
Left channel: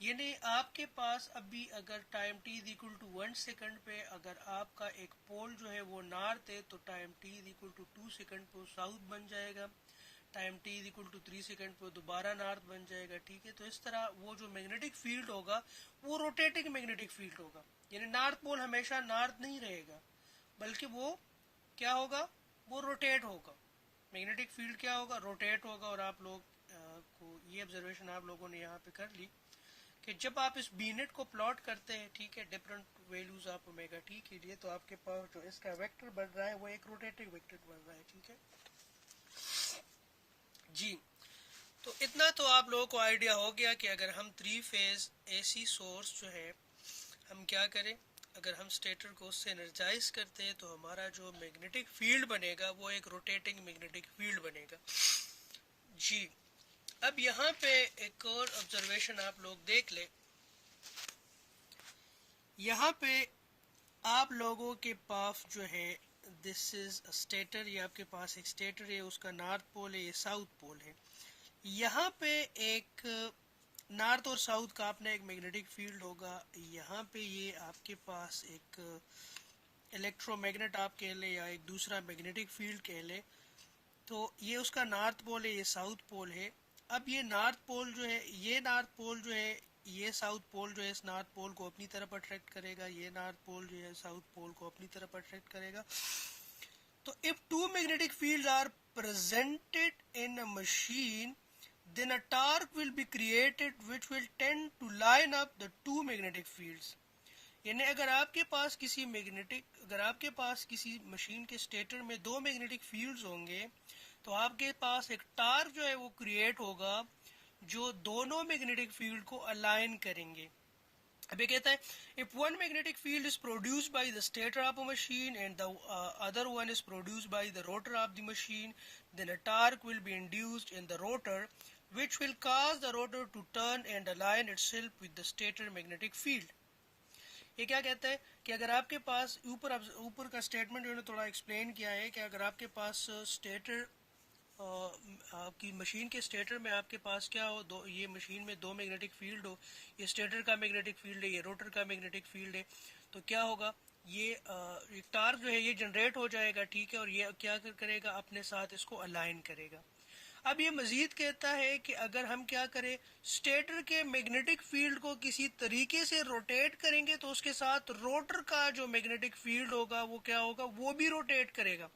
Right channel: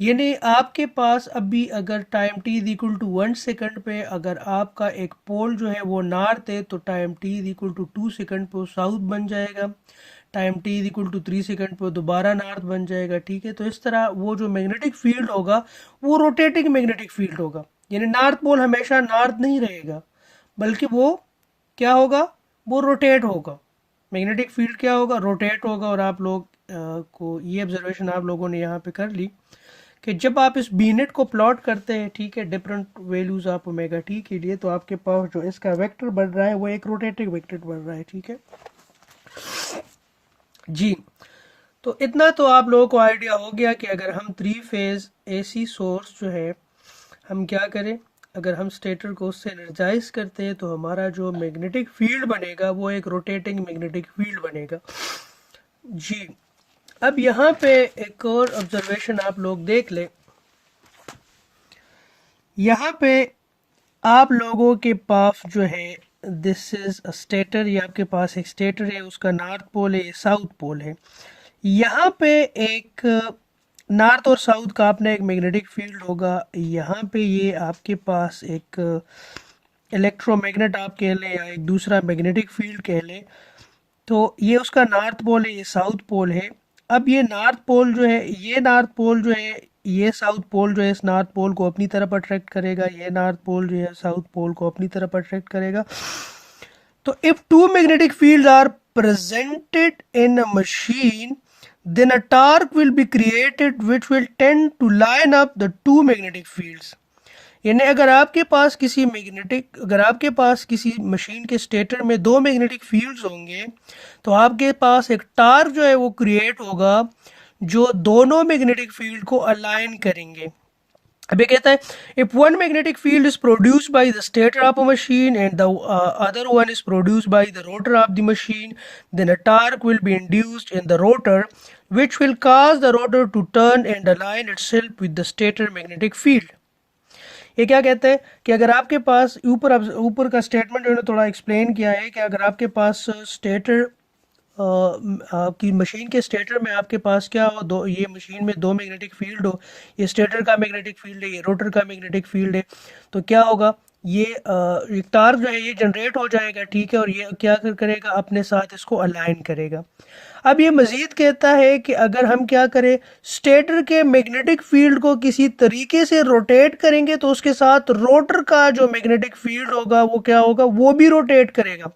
यानी आपके पास अभी अगर time t is equal to 1 second पे अगर आपका एक पोल जो है वो नॉर्थ है तो time t is equal to 2 second पे वो साउथ बन जाएगा। Time t is equal to 3 second पे दोबारा नॉर्थ बन जाएगा, ठीक है। तो इस तरह वो जो मैग्नेटिक फील्ड होगा वो रोटेटिंग मैग्नेटिक फील्ड होगा, यानी नॉर्थ पोल हमेशा नॉर्थ नहीं रहेगा बल्कि वो क्या होगा, वो रोटेट होगा। मैग्नेटिक फील्ड क्या होगा, रोटेट होगा। और आप लोग को ये ऑब्जर्वेशन आप लोगों ने यहाँ पे कर ली कि जब आप इस बीनेट को प्लॉट करते हैं, ठीक है, different values of omega T के लिए, तो आपके पास जो इसका वेक्टर बन रहा है वो एक रोटेटिंग वेक्टर बन रहा है, ठीक है जी। तो इतना तो आप लोगों को आइडिया हो गया कि अगर हम 3 फेज एसी सोर्स जो है हम क्या करें, अगर हम स्टेटर को उससे एनर्जाइज करते हैं तो हमारा जो मैग्नेटिक फील्ड बनेगा वो एक रोटेटिंग मैग्नेटिक फील्ड बनेगा जी। अब यहाँ पे एक और ऑब्जर्वेशन आप लोग देख ले, यहाँ पे आप लोगों के पास जो है दिस इज अ स्टेटर, ये आपके पास एक स्टेटर है, उसका नॉर्थ पोल है, ये साउथ पोल है। यहाँ पे एक नॉर्थ और साउथ का अपना एक मैग्नेटिक फील्ड होगा। यहाँ पे ये आपके पास एक इलेक्ट्रोमैग्नेट आप कह लें या एक दूसरा मैग्नेटिक फील्ड कह लें। तो ये उसका नॉर्थ पोल है, ये साउथ पोल है। अब ये नॉर्थ पोल जो है, ये नॉर्थ पोल जो है, ये साउथ पोल जो है इस नॉर्थ पोल को अपनी तरफ अट्रैक्ट करेगा, ये नॉर्थ पोल जो है साउथ पोल को अपनी तरफ अट्रैक्ट करेगा। तो if two magnetic fields are presented in a machine, then a torque will be created which will tend to line up the two magnetic fields। यानी अगर आपके पास किसी मशीन के स्टेटर में दो मैग्नेटिक फील्ड्स होंगे तो आपके पास एक टार्क जो है वो क्रिएट होगा जो दोनों मैग्नेटिक फील्ड को अलाइन करेंगे। अब ये कहता है if one magnetic field is produced by the stator of a machine and the other one is produced by the rotor of the machine, then a torque will be induced in the rotor which will cause the rotor to turn and align itself with the stator magnetic field। ये क्या कहते हैं कि अगर आपके पास ऊपर का statement जो थोड़ा एक्सप्लेन किया है कि अगर आपके पास स्टेटर आपकी मशीन के स्टेटर में आपके पास क्या हो, दो, ये मशीन में दो मैग्नेटिक फील्ड हो, ये स्टेटर का मैग्नेटिक फील्ड है, ये रोटर का मैग्नेटिक फील्ड है, तो क्या होगा, ये टार्क जो है ये जनरेट हो जाएगा, ठीक है, और ये क्या करेगा, अपने साथ इसको अलाइन करेगा। अब ये मजीद कहता है कि अगर हम क्या करें, स्टेटर के मैग्नेटिक फील्ड को किसी तरीके से रोटेट करेंगे तो उसके साथ रोटर का जो मैग्नेटिक फील्ड होगा वो क्या होगा, वो भी रोटेट करेगा,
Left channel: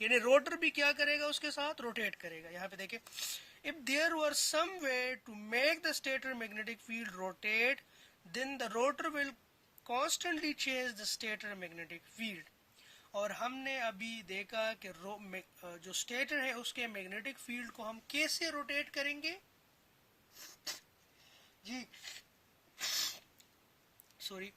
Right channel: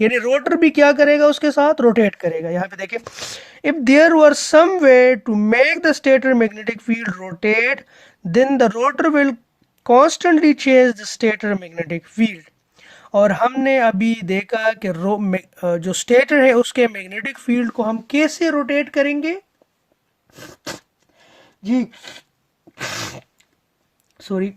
यानी रोटर भी क्या करेगा, उसके साथ रोटेट करेगा। यहाँ पे देखिए if there were some way to make the stator magnetic field rotate, then the rotor will constantly change the stator magnetic field. और हमने अभी देखा कि जो स्टेटर है उसके मैग्नेटिक फील्ड को हम कैसे रोटेट करेंगे जी, सॉरी,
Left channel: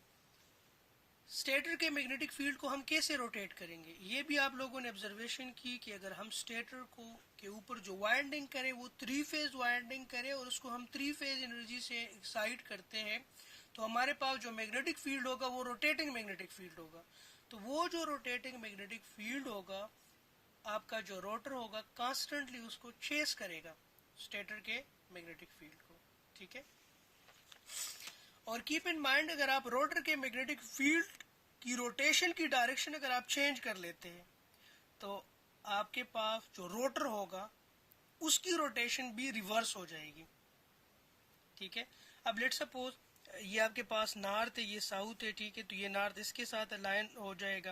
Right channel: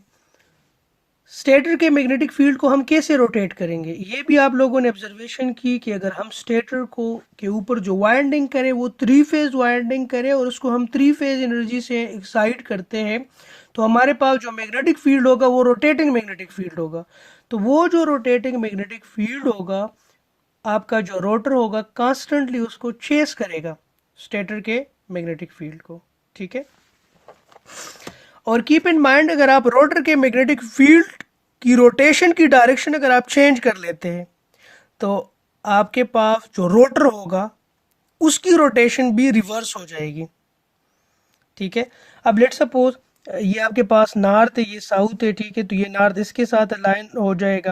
स्टेटर के मैग्नेटिक फील्ड को हम कैसे रोटेट करेंगे, ये भी आप लोगों ने ऑब्जर्वेशन की कि अगर हम स्टेटर को के ऊपर जो वाइंडिंग करें वो 3 फेज वाइंडिंग करें और उसको हम 3 फेज एनर्जी से एक्साइट करते हैं तो हमारे पास जो मैग्नेटिक फील्ड होगा वो रोटेटिंग मैग्नेटिक फील्ड होगा। तो वो जो रोटेटिंग मैग्नेटिक फील्ड होगा, आपका जो रोटर होगा कॉन्स्टेंटली उसको चेस करेगा स्टेटर के मैग्नेटिक फील्ड को, ठीक है। और कीप इन माइंड अगर आप रोटर के मैग्नेटिक फील्ड की रोटेशन की डायरेक्शन अगर आप चेंज कर लेते हैं तो आपके पास जो रोटर होगा उसकी रोटेशन भी रिवर्स हो जाएगी, ठीक है। अब लेट सपोज ये आपके पास नॉर्थ है, ये साउथ है, ठीक है, तो ये नॉर्थ इसके साथ अलाइन हो जाएगा,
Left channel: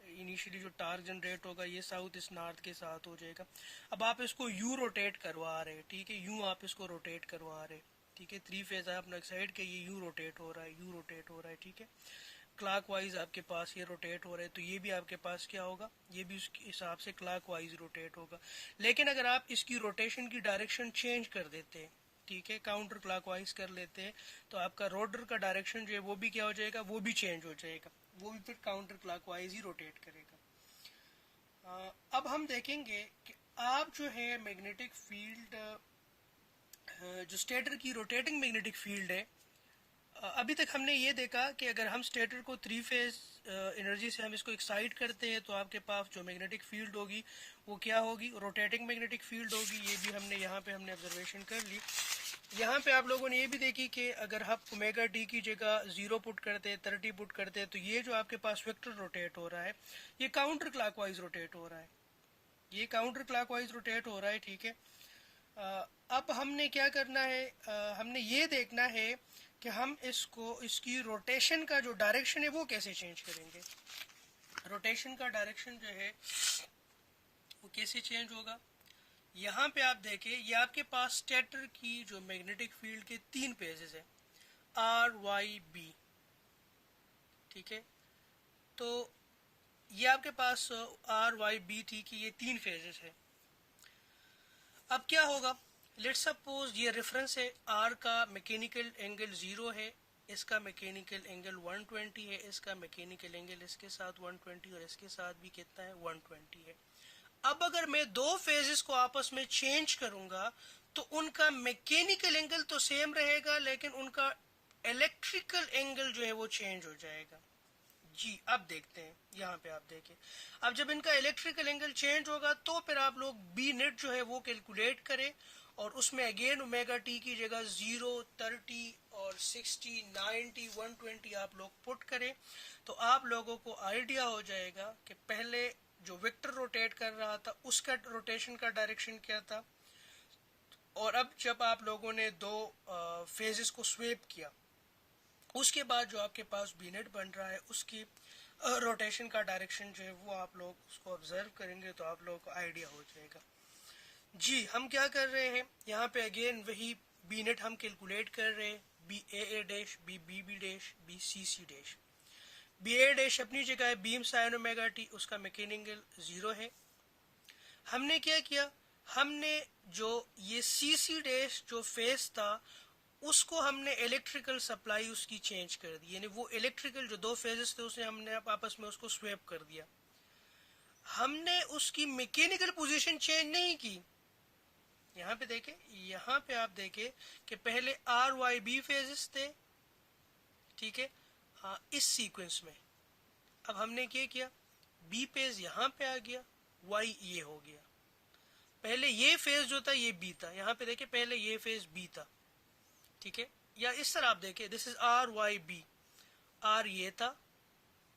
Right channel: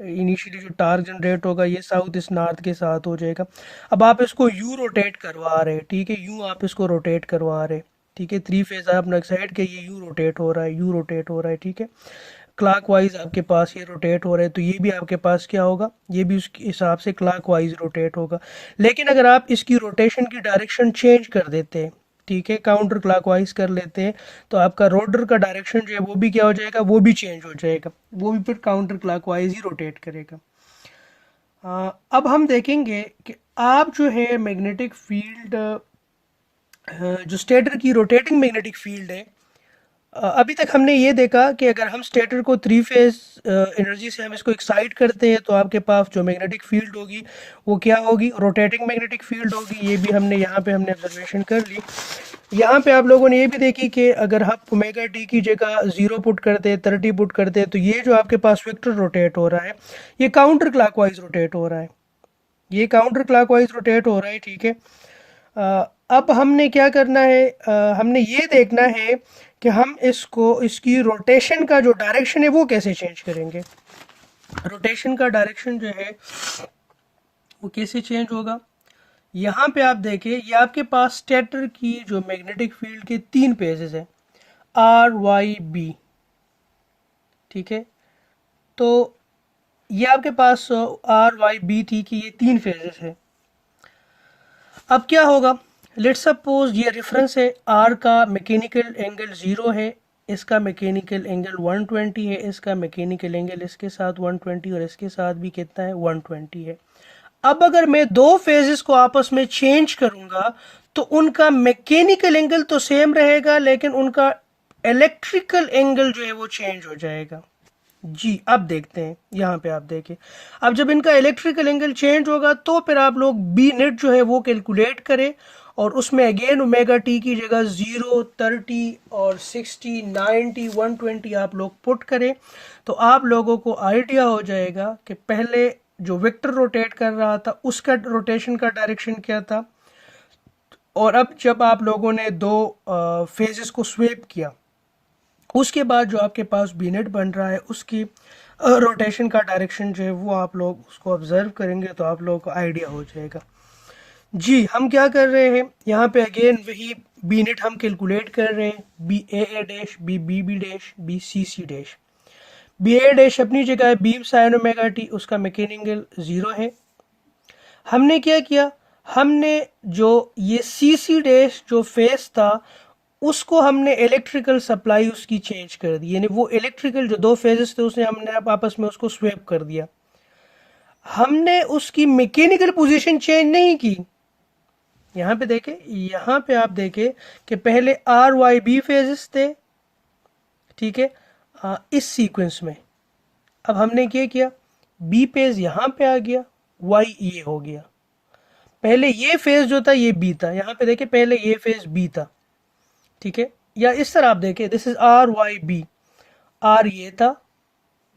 इनिशियली जो टार्क जनरेट होगा ये साउथ इस नॉर्थ के साथ हो जाएगा। अब आप इसको यू रोटेट करवा रहे हैं, ठीक है, यूं आप इसको रोटेट करवा रहे हैं, ठीक है, 3 फेज आपने एक्साइड के ये यू रोटेट हो रहा है, यू रोटेट हो रहा है, ठीक है, क्लॉकवाइज आपके पास ये रोटेट हो रहा है, तो ये भी आपके पास क्या होगा, ये भी उसके हिसाब से क्लॉकवाइज रोटेट होगा। लेकिन अगर आप इसकी रोटेशन की डायरेक्शन चेंज कर देते हैं, ठीक है, काउंटर क्लॉकवाइज कर लेते हैं, तो आपका रोटर का डायरेक्शन जो है वो भी क्या हो जाएगा, वो भी चेंज हो जाएगा, वो भी फिर काउंटर क्लॉकवाइज ही रोटेट करेगा। अब हम देखेंगे कि आप जो है मैग्नेटिक फील्ड जो स्टेटर की रोटेटिंग मैग्नेटिक फील्ड है, अभी तक हमने ये देखा कि अगर हम स्टेटर को 3 फेज एनर्जी से हम इसको एक्साइट करते हैं तो आपके पास जो मैग्नेटिक फील्ड होगी वो क्या होगी, रोटेटिंग मैग्नेटिक फील्ड होगी। ये भी हमने यहाँ पे हमने ऑब्जर्वेशन कर ली। यहाँ पे आप लोगों ने ये भी देखी कि अगर हम ओमेगा टी की जगह 0 पुट करते हैं, 30 पुट करते हैं, तो ये जो आपके पास वेक्टर रोटेट हो रहा है ये काउंटर क्लॉकवाइज रोटेट हो रहा है, ये काउंटर क्लॉकवाइज रोटेट हो रहा है, ठीक है। अब हमने क्या करना है, हमने ये देखना है कि हम इसकी रोटेशन का जो डायरेक्शन है वो कैसे चेंज करेंगे। रोटेशन का डायरेक्शन जो है वो कैसे चेंज होगा, यहाँ पे आप देखिए ये आपके पास स्टेटर की जो मैग्नेटिक फील्ड के 3 पेजेस है। आर वाई बी, ठीक है। तो ये आपके पास आर वाई बी टी की ये 3 फेजेस है। अब क्या होगा, लेट्स सपोज ये रेफरेंस है, आर का मैकेनिकल एंगल 0 है, इसका मैकेनिकल एंगल 120 है, इसका मैकेनिकल एंगल इसके साथ 120 और इसके साथ भी कितना है 120 है। अब अगर मैं दो फेजेस को आपस में चेंज करूंगा तो उनका मैकेनिकल एंगल तो सेम रहेगा, लेकिन उनका इलेक्ट्रिकल एंगल जो है वो चेंज हो जाएगा। जी अब देखते हैं, यहाँ पे आप देखें, अब जब इनका इलेक्ट्रिकल एंगल चेंज होगा तो फिर आप लोग बी नेट जो है वो कैलकुलेट करें, और उसमें अगेन ओमेगा टी की जगह 0, 30 और 60, 90, 120 आप लोग पुट करें, तो आप लोगों को आइडिया हो जाएगा कि पहले जो वेक्टर रोटेट कर रहा था उसका रोटेशन का डायरेक्शन क्या था, और अब जब आप लोगों ने दो फेजेस को स्वेप किया उसके बाद जो आपके पास बीनेट बन रहा है उसकी रोटेशन का डायरेक्शन जो है वो आप लोग उसको ऑब्जर्व करेंगे तो आप लोगों को आइडिया हो जाएगा। जी हम क्या कर रहे हैं, यहाँ पे अगेन वही बी नेट हम कैलकुलेट कर रहे हैं, B A dash, B B B dash, B C dash. B A dash अपनी जगह है बी साइन ओमेगा टी, उसका मैकेनिकल 0 है। हमने क्या किया, हमने जो ये सी डैश जो फेस था उसको हमने इलेक्ट्रिकल सप्लाई उसकी चेंज कर दी, यानी वो इलेक्ट्रिकल जो दो फेजेस थे उसे हमने आपस में उसको स्वेप कर दिया। हमने उसकी मैकेनिकल पोजीशन चेंज नहीं की। यहाँ पे देखें, यहाँ पे आप देखें कि पहले आर वाई बी फेजेस थे, ठीक है, इस सीक्वेंस में। अब हमने क्या किया, बी फेज यहाँ पे आ गया, वाई ये हो गया। पहले ये फेज जो था ये बी था, यहाँ पे देखें पहले ये फेज बी था, ठीक है। या इस तरह आप देखें, this is R Y B, R ये था,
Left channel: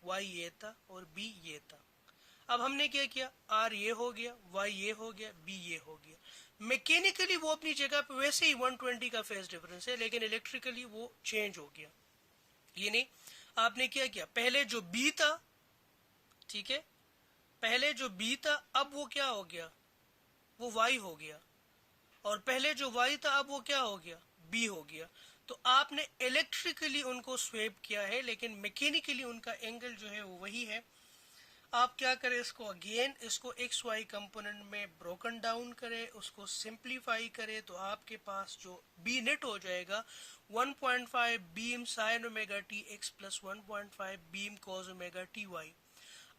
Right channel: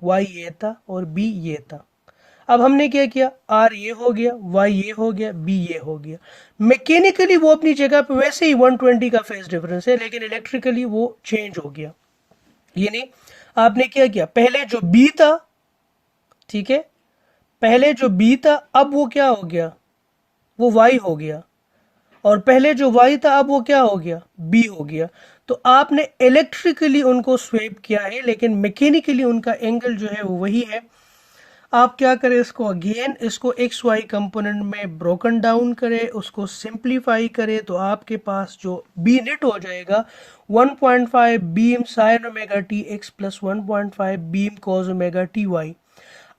वाई ये था और बी ये था। अब हमने क्या किया, आर ये हो गया, वाई ये हो गया, बी ये हो गया। मैकेनिकली वो अपनी जगह पे वैसे ही 120 का फेज डिफरेंस है, लेकिन इलेक्ट्रिकली वो चेंज हो गया। यानी आपने क्या किया, पहले जो बी था, ठीक है, पहले जो बी था अब वो क्या हो गया, वो वाई हो गया, और पहले जो y था अब वो क्या हो गया, b हो गया। तो आपने इलेक्ट्रिकली उनको स्वेप किया है, लेकिन मैकेनिकली उनका एंगल जो है वो वही है। आप क्या करें, इसको अगेन इसको एक्स वाई कंपोनेंट में ब्रोकन डाउन करें, उसको सिंप्लीफाई करें, तो आपके पास जो बी नेट हो जाएगा 1.5 beam sine omega T X plus 1.5 beam cos omega T Y.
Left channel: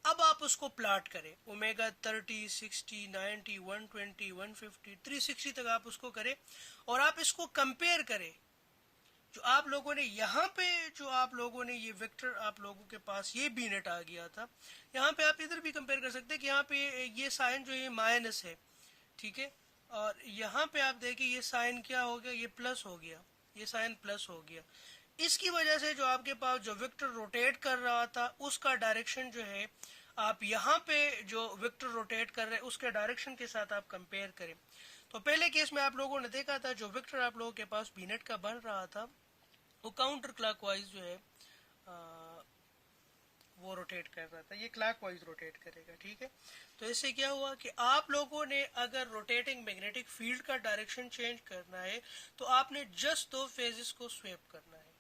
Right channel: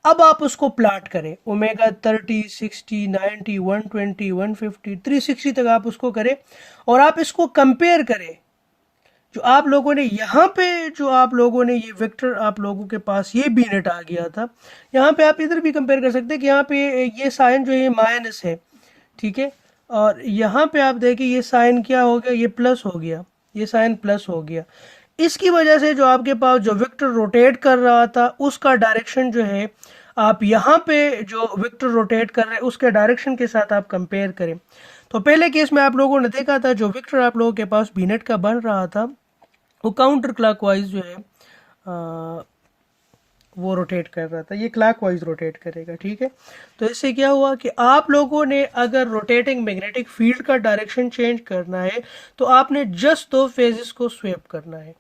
अब आप उसको प्लाट करें, ओमेगा 30, 60, 90, 120, 150, 360 तक आप उसको करें, और आप इसको कंपेयर करें। जो आप लोगों ने यहाँ पे जो आप लोगों ने ये वेक्टर आप लोगों के पास ये बी नेट आ गया था, यहाँ पे आप इधर भी कंपेयर कर सकते हैं कि यहाँ पे ये साइन जो ये माइनस है, ठीक है, और यहाँ पे आप देखें ये साइन क्या हो गया, ये प्लस हो गया, ये साइन प्लस हो गया। इसकी वजह से जो आपके पास जो वेक्टर रोटेट कर रहा था उसका डायरेक्शन जो है, आप यहाँ पे जो वेक्टर रोटेट कर रहे हैं उसके डायरेक्शन के साथ आप कंपेयर करें। तो पहले केस में आप लोगों ने देखा था जो वेक्टर आप लोगों के पास बीनेट का बन रहा था वो काउंटर क्लॉकवाइज जो है वो रोटेट कर रहा था, ये क्लॉकवाइज रोटेट करेगा, ठीक है। तो इससे क्या हुआ कि आप लोगों ने अगर रोटेटिंग मैग्नेटिक फील्ड का डायरेक्शन चेंज करना है तो आपने जस्ट दो फेजेस को स्वेप करना है,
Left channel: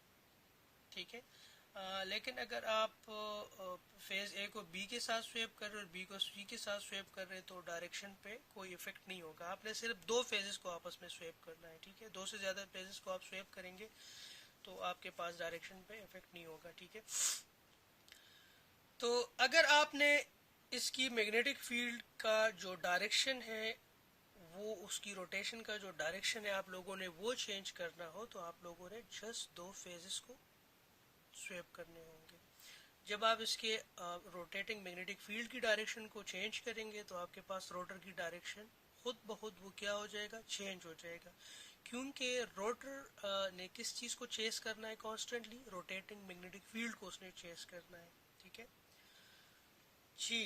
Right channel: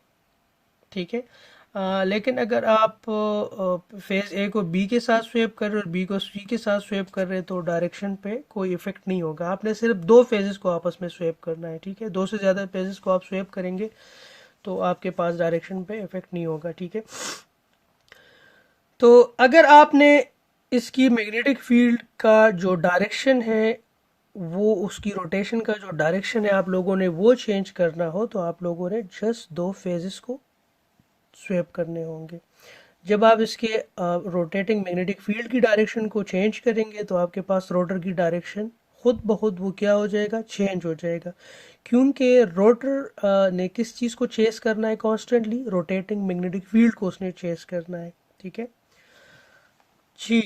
ठीक है। लेकिन अगर आप फेज ए को बी के साथ स्वेप कर रहे हो और बी को सी के साथ स्वेप कर रहे हो तो डायरेक्शन पे कोई इफेक्ट नहीं होगा। आपने सिर्फ दो फेजेस को आपस में स्वेप करना है, ठीक है। दो से ज़्यादा फेजेस को आप स्वेप करेंगे तो आपके पास डायरेक्शन पे इफेक्ट नहीं होगा, ठीक है। तो अगर आपने इसकी मैग्नेटिक फील्ड का जो डायरेक्शन है वो उसकी रोटेशन का जो डायरेक्शन है आप लोगों ने वो चेंज करना हो तो आप लोगों ने जस्ट दो फेजेस को स्वेप करने होंगे। जब आप इसके रोटेटिंग मैग्नेटिक फील्ड की डायरेक्शन को चेंज करेंगे तो आपके पास रोटर की डायरेक्शन खुद ब खुद वो क्या हो जाएगा, चेंज हो जाएगा, क्योंकि रोटर ने किस चीज़ को चेस करना है कॉन्स्टेंटली, रोटेटिंग मैग्नेटिक फील्ड को उसने चेस करना है, ठीक है जी।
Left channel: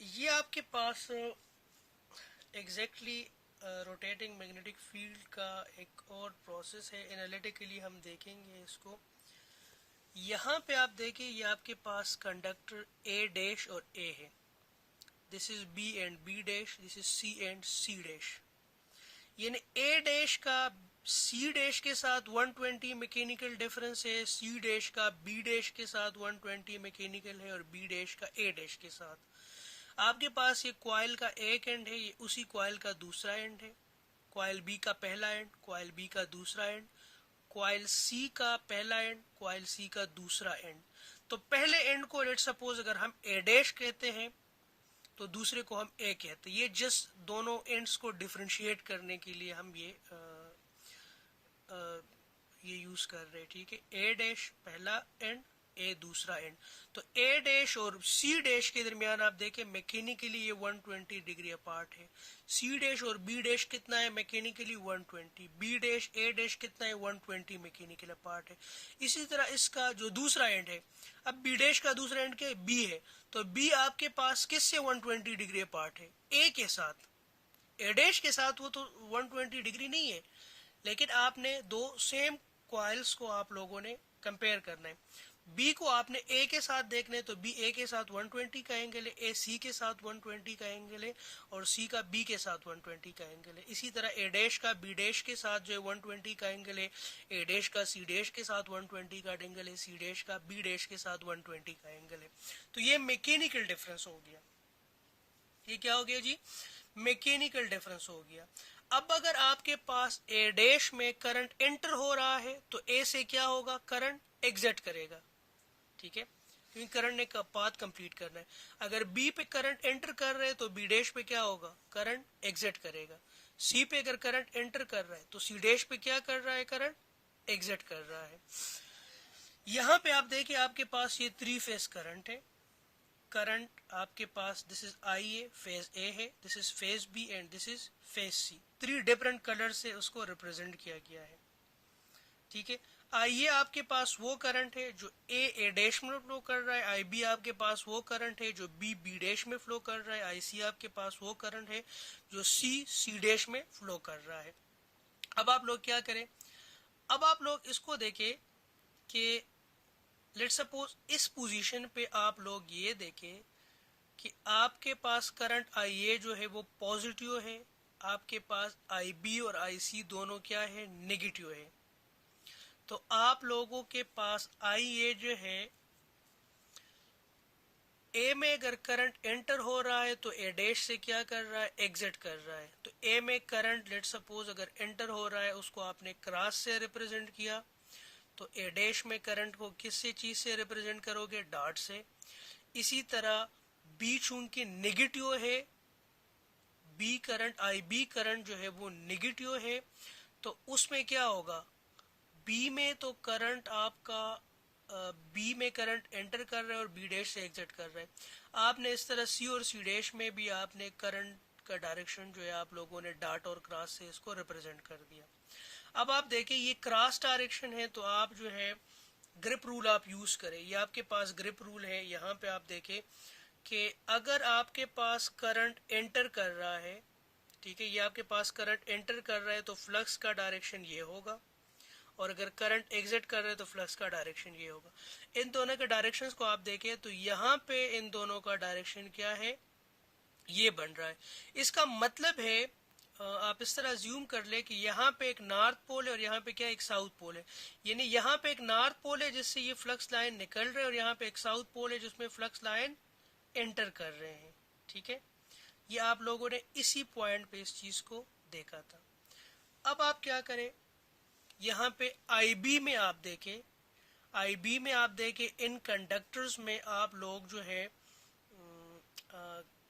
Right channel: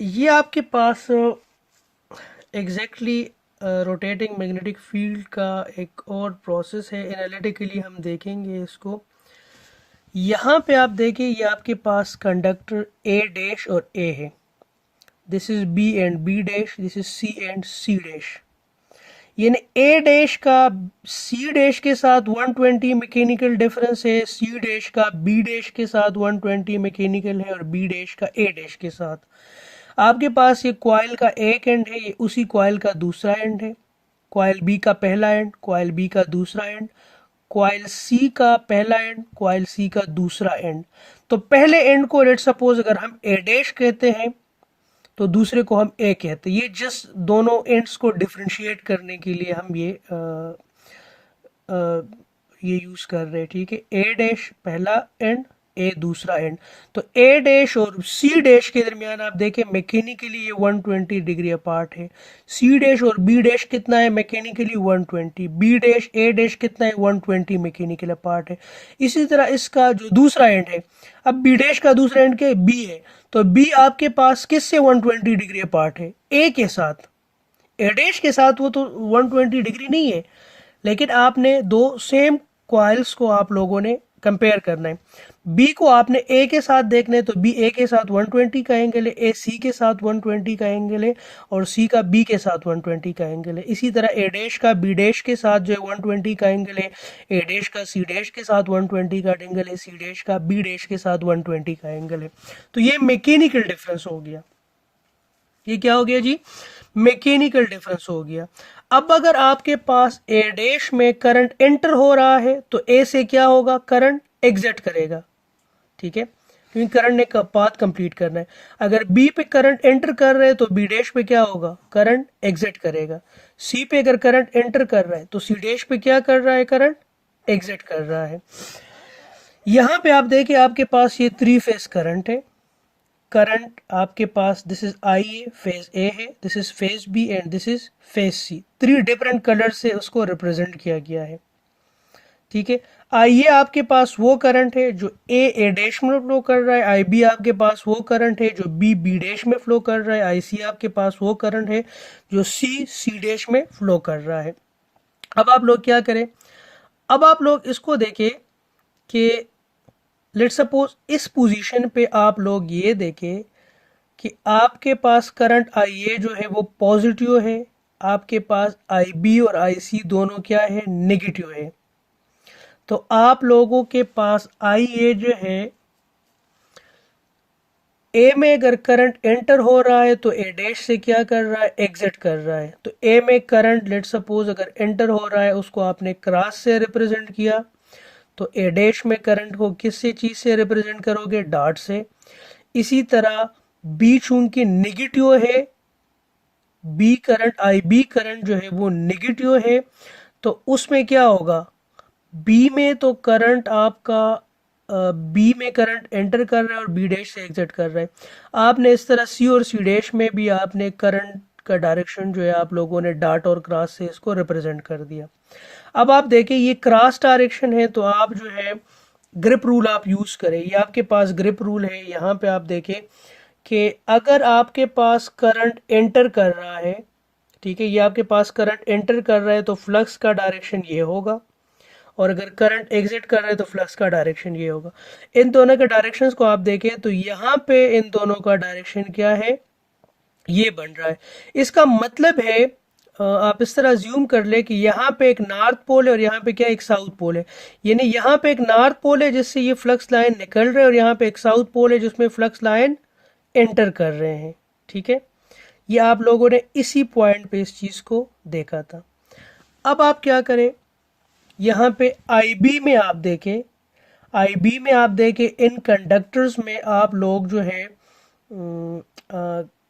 ये आपके पास एग्जैक्टली रोटेटिंग मैग्नेटिक फील्ड का एक और प्रोसेस है, एनालिटिकली हम देखेंगे इसको। यहाँ पे आप देखें ये आपके पास कंडक्टर ए डैश और ए है, this is B and B dash, this is C and C dash. यानी ए डैश का सी डैश के साथ 120 मैकेनिकल डिफरेंस है, सी डैश का बी डैश के साथ 120 मैकेनिकल है, और बी डैश का ए डैश के साथ। आपके पास ये कॉइल का एक एंड है, ये उसी कॉइल का दूसरा एंड है, कॉइल बी का पहला एंड, कॉइल बी का दूसरा एंड, कॉइल सी का पहला एंड, कॉइल सी का दूसरा एंड। तो पहले एंड को लेट सपोज अगर हम ए डैश कहते हैं तो दूसरे को हम ए कहते हैं। ये जस्ट दोनों एंड्स को डिफरेंशिएट करने के लिए हम ये यूज कर रहे हैं, ठीक है। ए डैश पहला एंड, ए दूसरा एंड। तो ए डैश और सी डैश के दरमियान आप देखें मैकेनिकली ये 120 डिग्री अपार्ट है। सी डैश और बी डैश कितना है mechanically 120, B dash A dash कितना है 120 मैकेनिकल अपार्ट है। इसी तरह इसका जो दूसरा एंड है, अब बी डैश का दूसरा एंड क्या है, बी है, तो बी आपके पास किससे 120 डिग्री अपार्ट है, ए के साथ। ए डैश के साथ वो तो 120 डिग्री नहीं है, लेकिन आपने दो सेम कॉइल्स को आप लोगों ने कंपेयर करना है। बी को आपने ए के साथ देखना है, तो बी ए के साथ 120 का एंगल है, ए सी के साथ 120 का एंगल है, और सी का बी के साथ 120 का एंगल है। इसी तरह ए डैश का बी डैश के साथ जो है 120 का एंगल है, ए डैश का सी डैश के साथ 120 का एंगल है, सी डैश का बी डैश के साथ 120 का एंगल है। तो ये मैकेनिकल डिफरेंस हो गया। ये क्या हो गया जी, मैकेनिकल डिफरेंस हो गया। अब अगर आपके पास ए डैश में करंट एंटर हो रहा है तो ए से क्या होगा, करंट एग्जिट करेगा, ठीक है, क्योंकि करंट ने पाथ कंप्लीट करना है। अगर बी पे करंट एंटर कर रहे हैं तो बी डैश पे क्या होगा, करंट एग्जिट करेगा। सी पे अगर करंट एंटर कर रहा है तो सी डैश पे क्या कर रहा है, करंट एग्जिट कर रहा है। यहां पे आप देखिए आपके पास ये 3 फेज करंट है। करंट आपके पास this is I A, phase A है, this is phase B and this is phase C. 3 different colour से उसको रिप्रेजेंट किया गया है, ठीक है। आई ए आपके पास वो करंट है जो ए डैश में फ्लो कर रहा है, आई बी आपके पास वो करंट है जो बी बी डैश में फ्लो कर रहा है, आई सी आपके पास वो करंट है जो सी सी डैश में फ्लो कर रहा है। अब आप लोग क्या करें, अब आप लोग इसको देखें कि लेट सपोज इस पोजीशन पे आप लोग ये देखें कि आपके पास करंट आई ए जो है वो पॉजिटिव है, आपके पास आई बी और आई सी दोनों क्या है, नेगेटिव है। तो आप लोगों के पास आई ए जो है, ए में अगर करंट एंटर हो रहा है तो ए डैश से क्या कर रहा है, एग्जिट कर रहा है। तो ए में करंट लेट सपोज अगर एंटर हो रहा है उसको आपने क्रॉस से रिप्रेजेंट किया, तो ए डैश में करंट को किससे चीज से रिप्रेजेंट करोगे, डॉट से। इसी तरह बी चूंकि नेगेटिव है, B current I B current जो है वो नेगेटिव है, तो उसमें क्या होगा, बी में तो करंट आपका बी में करंट एंटर कर रहा है और बी डैश से एग्जिट कर रहा है। आपने इस तरह सी और सी डैश में भी आपने करंट का डायरेक्शन जो है आप लोगों ने डॉट और क्रॉस से इसको रिप्रेजेंट कर दिया। अब आप देखें ये क्रॉस डायरेक्शन है, तो आप जो है ग्रिप रूल आप यूज करें। ये आपके पास ग्रिप रूल है, यहाँ पे आप देखें कि अगर आपके पास करंट एंटर कर रहा है, ठीक है, ये आपके पास करंट एंटर कर रहा है तो फ्लक्स का डायरेक्शन ये होगा, और अगर करंट एग्जिट कर रहे हैं तो फ्लक्स का डायरेक्शन ये होगा। इन दोनों के डायरेक्शंस को आप देखें तो यहाँ पे इन दोनों का डायरेक्शन क्या है, ये बन रहा है। इसका मतलब है आप इस तरह ज्यूम कर ले कि यहाँ पे एक नॉर्थ पोल है और यहाँ पे क्या एक साउथ पोल है। यानी यहाँ पे एक नॉर्थ पोल है जिससे ये फ्लक्स लाइन निकल रहे हैं, और यहाँ पे एक साउथ पोल है जिसमें फ्लक्स लाइन एंटर कर रहे हैं, ठीक है। ये आप लोगों ने इसी पॉइंट पे इस चीज को देखा था। अब आप क्या करें, यहाँ पे IB में आप देखें, IB में आप देखें इन कंडक्टर्स में आप लोग जो है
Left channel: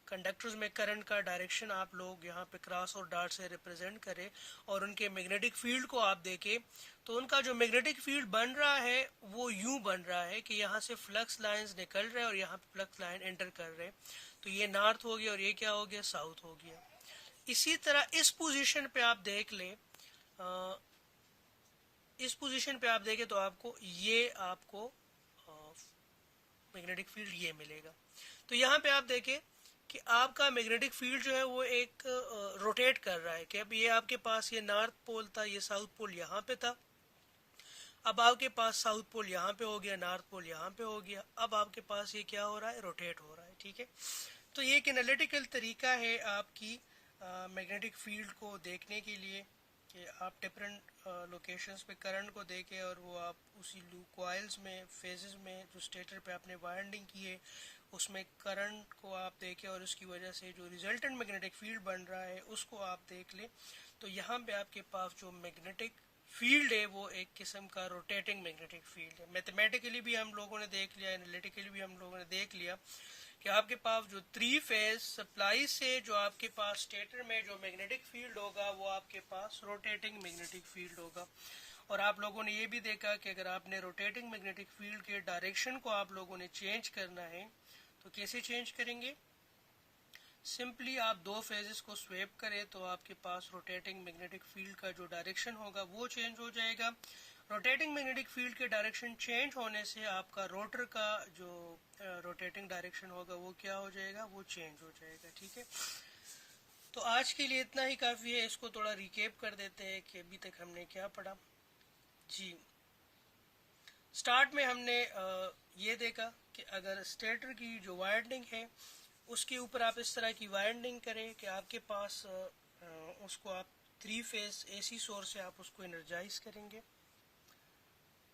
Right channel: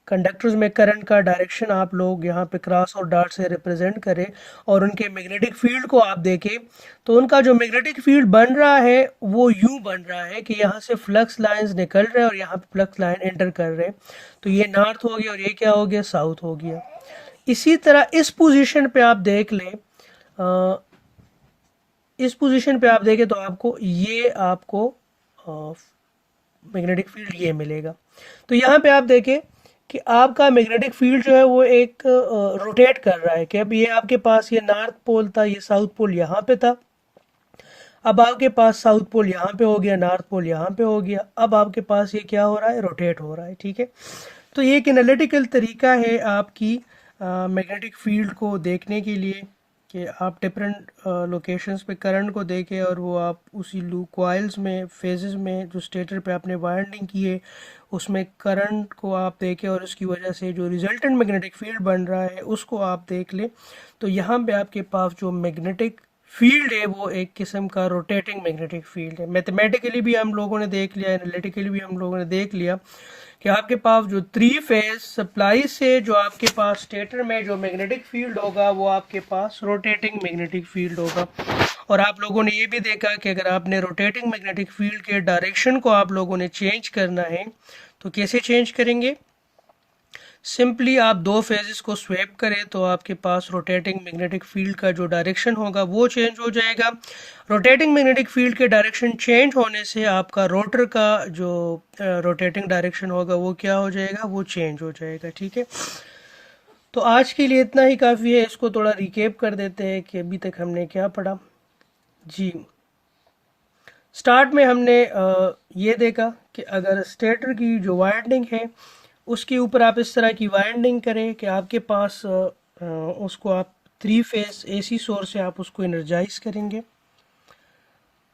कंडक्टर्स में करंट का डायरेक्शन आप लोग यहाँ पे क्रॉस और डॉट से रिप्रेजेंट करें, और उनके मैग्नेटिक फील्ड को आप देखें तो उनका जो मैग्नेटिक फील्ड बन रहा है वो यूं बन रहा है कि यहाँ से फ्लक्स लाइंस निकल रहे हैं और यहाँ पे फ्लक्स लाइन एंटर कर रहे हैं। तो ये नॉर्थ हो गया और ये क्या हो गया, साउथ हो गया। इसी तरह इस पोजीशन पे आप देख लें, इस पोजीशन पे आप देखें तो आपको मैग्नेटिक फील्ड ये मिलेगा। तो यहाँ पे आप देखें कि आपका मैग्नेटिक फील्ड जो है वो एक रोटेट कर रहा है कि अब ये आपके पास ये नॉर्थ पोल था, ये साउथ पोल यहाँ पे था, अब आपके पास साउथ पोल यहाँ पे हो गया, नॉर्थ पोल यहाँ पे हो गया, अब आपके पास ये क्या हो रहा है, रोटेट हो रहा है, ठीक है। तो ये एक एनालिटिकल तरीका है आपकी मैग्नेटिक फील्ड को देखने के लिए कि आप डिफरेंट लोकेशंस पे करंट को देखें और वो आप उसी लूप कॉइल्स में फेजेस में जो स्टेटर पे आपने वाइंडिंग की है उसमें करंट को आप देखें और उसकी वजह से जो रिजल्टेंट मैग्नेटिक फील्ड बन रहा है उसको आप देख लें। तो यहाँ पे आपके पास जो मैग्नेटिक फील्ड है वो एक किस्म का रोटेटिंग मैग्नेटिक फील्ड है। मैथमेटिकली भी हम लोगों ने देख लिया, एनालिटिकली भी हम लोगों ने देख लिया कि आपके पास जो 3 फेज सप्लाई से जो आपके पास स्टेटर में जो मैग्नेटिक फील्ड होगा वो आपके पास रोटेटिंग मैग्नेटिक फील्ड होगा। और आप लोगों ने ये भी देखा कि अगर आपने रोटेटिंग मैग्नेटिक फील्ड के डायरेक्शन को आप लोगों ने चेंज करना है तो कैसे चेंज करेंगे? सिंपली आप 2 फेजेस को स्वैप करें तो आपके पास रोटेटिंग मैग्नेटिक फील्ड का जो डायरेक्शन होगा वो चेंज हो जाएगा। रोटेटिंग मैग्नेटिक फील्ड के डायरेक्शन चेंज होने से आपका रोटर का जो रोटेटिंग डायरेक्शन होगा वो क्या हो जाएगा? वो चेंज हो जाएगा। ठीक है, तो आज के लिए इतना ही काफ़ी है। इसको थोड़ा रिकेप कर देते हैं कि अभी तक हमने क्या पढ़ा। जी, स्टार्ट में हमने ये देखा कि अगर स्टेटर की जो वाइंडिंग है उसके ऊपर आप इस तरह की वाइंडिंग करें कि आपके पास उसको आप 3 फेज एसी सोर्स से आप उसको एनर्जाइज करेंगे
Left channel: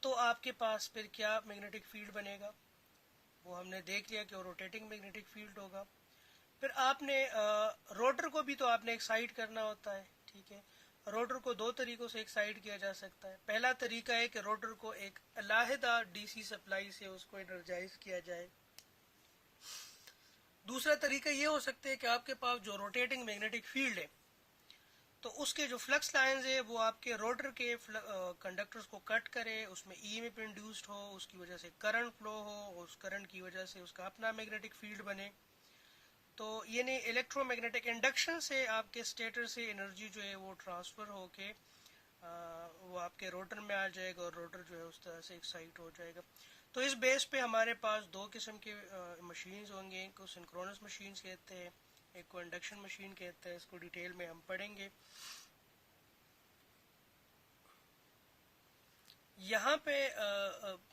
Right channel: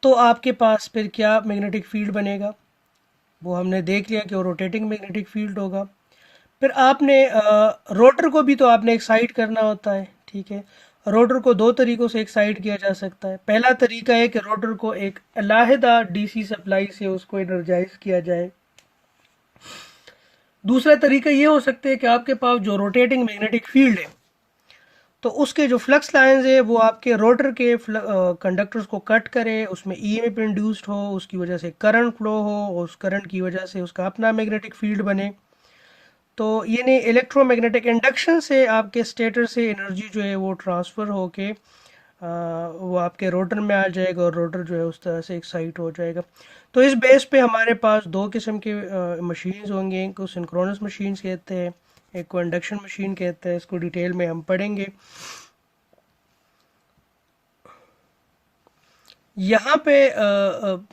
तो आपके पास फिर क्या मैग्नेटिक फील्ड बनेगा वो हमने देख लिया कि वो रोटेटिंग मैग्नेटिक फील्ड होगा। फिर आपने रोटर को भी तो आपने एक्साइट करना होता है। ठीक है, रोटर को 2 तरीकों से एक्साइट किया जा सकता है। पहला तरीका है कि रोटर को एक अलहदा डीसी सप्लाई से उसको एनर्जाइज किया जाए। दूसरा तरीका ये हो सकता है कि आपके पास जो रोटेटिंग मैग्नेटिक फील्ड है तो उसके जो फ्लक्स लाइंस है वो आपके रोटर के कंडक्टर्स को कट करे, उसमें ईएमएफ इंड्यूस्ड हो, उसकी वजह से करंट फ्लो हो, उस करंट की वजह से उसका अपना मैग्नेटिक फील्ड बने। तो यानी इलेक्ट्रोमैग्नेटिक इंडक्शन से आपके स्टेटर से एनर्जी जो है वो ट्रांसफ़र होके वो आपके रोटर में आ जाएगा और रोटर जो है उस तरह से एक्साइट हो जाएगा। तो इस बेस पे हमारे पास 2 किस्म के मशीन्स होंगे। एक को सिंक्रोनस मशीन्स कहते हैं, एक को इंडक्शन मशीन कहते हैं। इसको डिटेल में हम पढ़ेंगे। यहाँ पे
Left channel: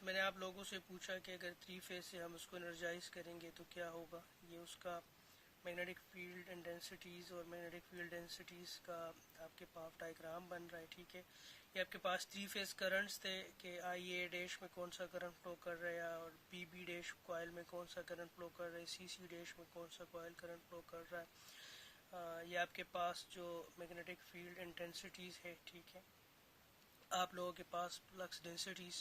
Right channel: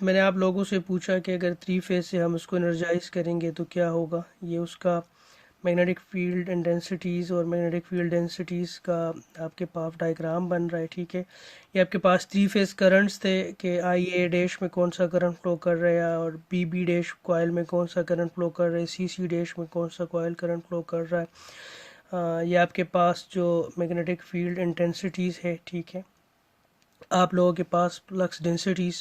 मैंने आप लोगों से पूछा कि अगर 3 फेज से हम उसको एनर्जाइज करेंगे तो क्या होगा। ये उसका मैग्नेटिक फील्ड इंटेंसिटीज़ और मैग्नेटिक फील्ड डेंसिटीज़ का आपके पास डायग्राम बन रहा है। ठीक है, ये आपके पास 3 फेज करंट्स थे कि आई ए डैश में कौन सा करंट फ्लो कर रहा है और बी बी डैश कॉयल में कौन सा करंट फ्लो कर रहा है, सी सी डैश में कौन सा कॉयल करंट फ्लो कर रहा है। ये आपके पास जो मैग्नेटिक फील्ड इंटेंसिटीज़ है। ठीक है, आप लोगों के पास फ्लक्स डेंसिटीज़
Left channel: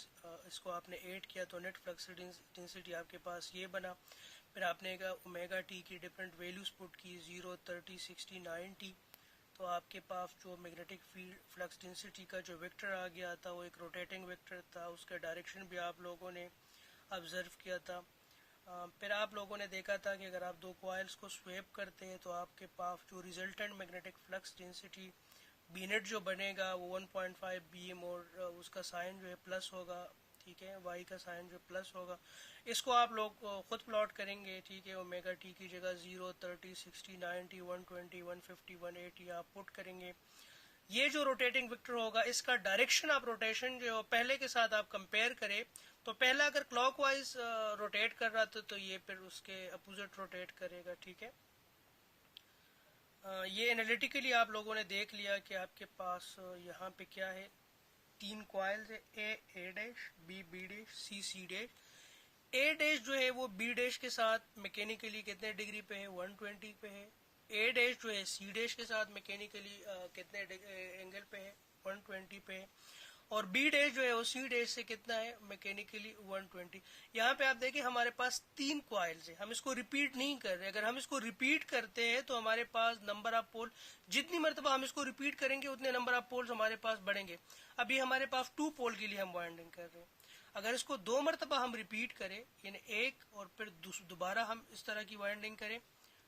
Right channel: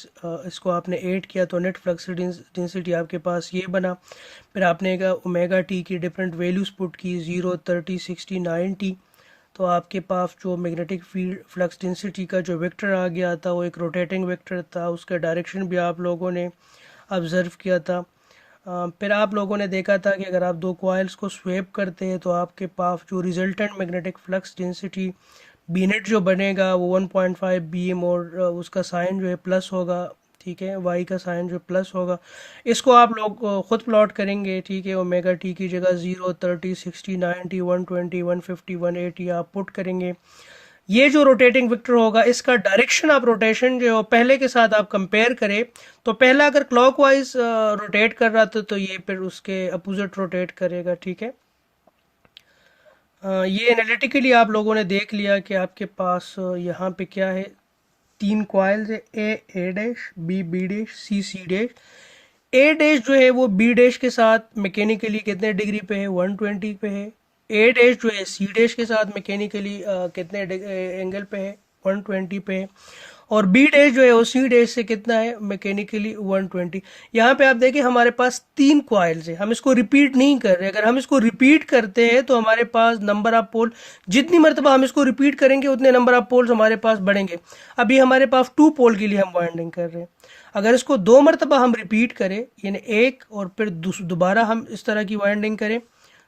इसको आपने ऐड किया तो नेट फ्लक्स डेंसिटी आपके पास ये बना। फिर आपने ओमेगा टी की डिफरेंट वैल्यूज़ पुट की 0, 30, 60, 90। तो आपके पास जो मैग्नेटिक फील्ड फ्लक्स डेंसिटी का जो वेक्टर आ गया था वो एक रोटेटिंग वेक्टर था। उसका डायरेक्शन भी आप लोगों ने ऑब्ज़र्व किया था। फिर आप लोगों ने देखा था कि अगर आप 2 कॉइल्स को स्वेप करते हैं तो आपके पास जो resultant magnetic flux density B net जो बनेगा वो 1.5 BM और उसका साइन जो है प्लस होगा। ठीक है, वाई का साइन जो प्लस होगा। इसको आप लोग खुद प्लॉट करेंगे। ठीक है, ओमेगा टी की जगह 0, 30, 60, 90, 120, 150, 180 आप पुट करेंगे। ये जो रोटेटिंग वेक्टर होगा इसका डायरेक्शन आप रोटेशन जो पहले के साथ आप कंपेयर करें तो पहला अगर क्लॉकवाइज रोटेट कर रहा था तो ये फिर उसके अपोजिट रोटेट करेगा। ठीक है, ये एनालिटिकली आप लोगों ने देख लिया कि आपके पास यहाँ पे क्या है, 3 कॉइल्स है, A dash, B dash, C dash. A dash जो है वो बी डैश के साथ मैकेनिकली कितने डिग्री पे है? 120 पे है। ए डैश जो है सी डैश के साथ मैकेनिकली कितने एंगल पे है? 120 पे है। और बी डैश जो है वो सी डैश से कितना है? मैकेनिकली 120। यहाँ पे आप देखिए हमारे पास 3 कॉइल्स है, हम इसको रिपीट नहीं कर रहे। अगर हम इसको रिपीट करते हैं तो हमारे पास नंबर ऑफ पोल, जितनी मरतबा हम इसको रिपीट करेंगे उतने नंबर ऑफ पोल्स हमारे पास बढ़ेंगे। अभी हमारे पास 2 पोल के लिए हम वाइंडिंग कर रहे हैं। अगर इसको 2 मरतबा हम रिपीट करें यानी एक और फिर दोबारा हम इस तरह की वाइंडिंग करें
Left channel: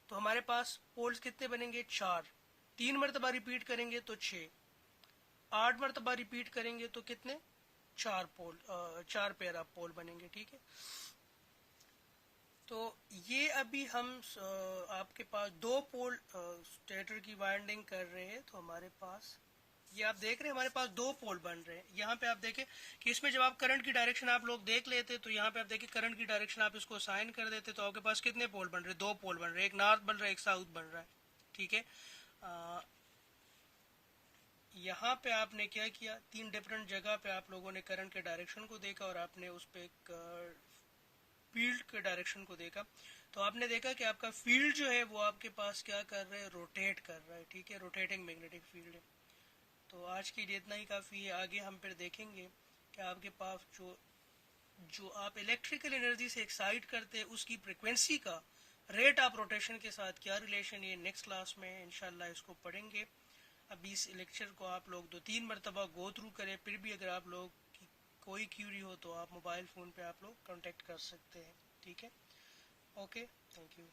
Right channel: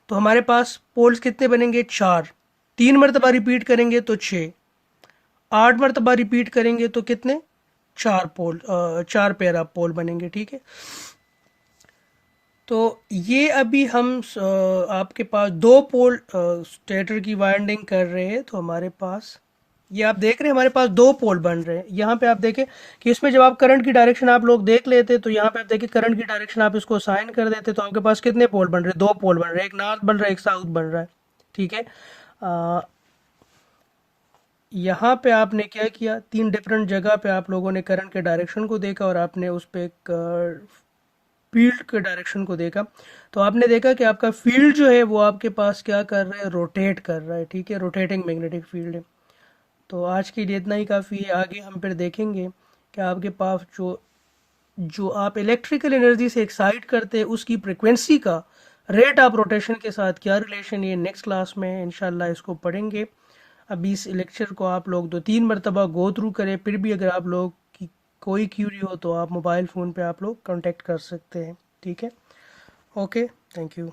तो हमारे पास पोल्स कितने बनेंगे? 4। 3 मरतबा रिपीट करेंगे तो 6। 8 मरतबा रिपीट करेंगे तो कितने? 4 पोल, 4 पेयर ऑफ पोल बनेंगे। ठीक है, तो ये अभी हम आपके पास 2 पोल स्टेटर की वाइंडिंग कर रहे हैं तो हमारे पास ये आप देख रहे हैं हमारे पास 2 पोल बन रहे हैं। यहाँ पे आप देखें कि इसमें जब आप करंट की डायरेक्शन आप लोग देख लेते तो यहाँ पे आप देखिए करंट की डायरेक्शन आप इसको साइन कर देते तो आपके पास कितने पोल बन रहे हैं? 2 पोल बन रहे हैं, एक नॉर्थ बन रहा है, एक साउथ बन रहा है। ठीक है, यहाँ पे आपने क्या किया, तीन डिफरेंट जगह पे आप लोगों ने करंट के डायरेक्शन को देखा और आपने उस पे एक फील्ड के डायरेक्शन को देखा। तो आपने देखा कि आपका फील्ड जो है वो आपके पास क्या कर रहा है, रोटेट कर रहा है, ठीक है, रोटेटिंग मैग्नेटिक फील्ड है। तो आज के लिए इतना ही काफ़ी है, आगे हम फिर देखेंगे कि आपके पास जो जो आप इलेक्ट्रिकल एनर्जी से एक्साइट करते हैं उसकी फ्रिक्वेंसी का रेट ऑफ रोटेशन के साथ क्या रिलेशन, ये नेक्स्ट क्लास में इंशाल्लाह इसको पढ़ेंगे। अभी इस लेक्चर को आप लोग 2-3 मरतबा गो थ्रू करें, फिर भी अगर आप लोग की कोई क्यूरी हो तो आप मोबाइल फ़ोन पे आप लोग कांटेक्ट कर सकते हैं, ठीक है। Okay, thank you.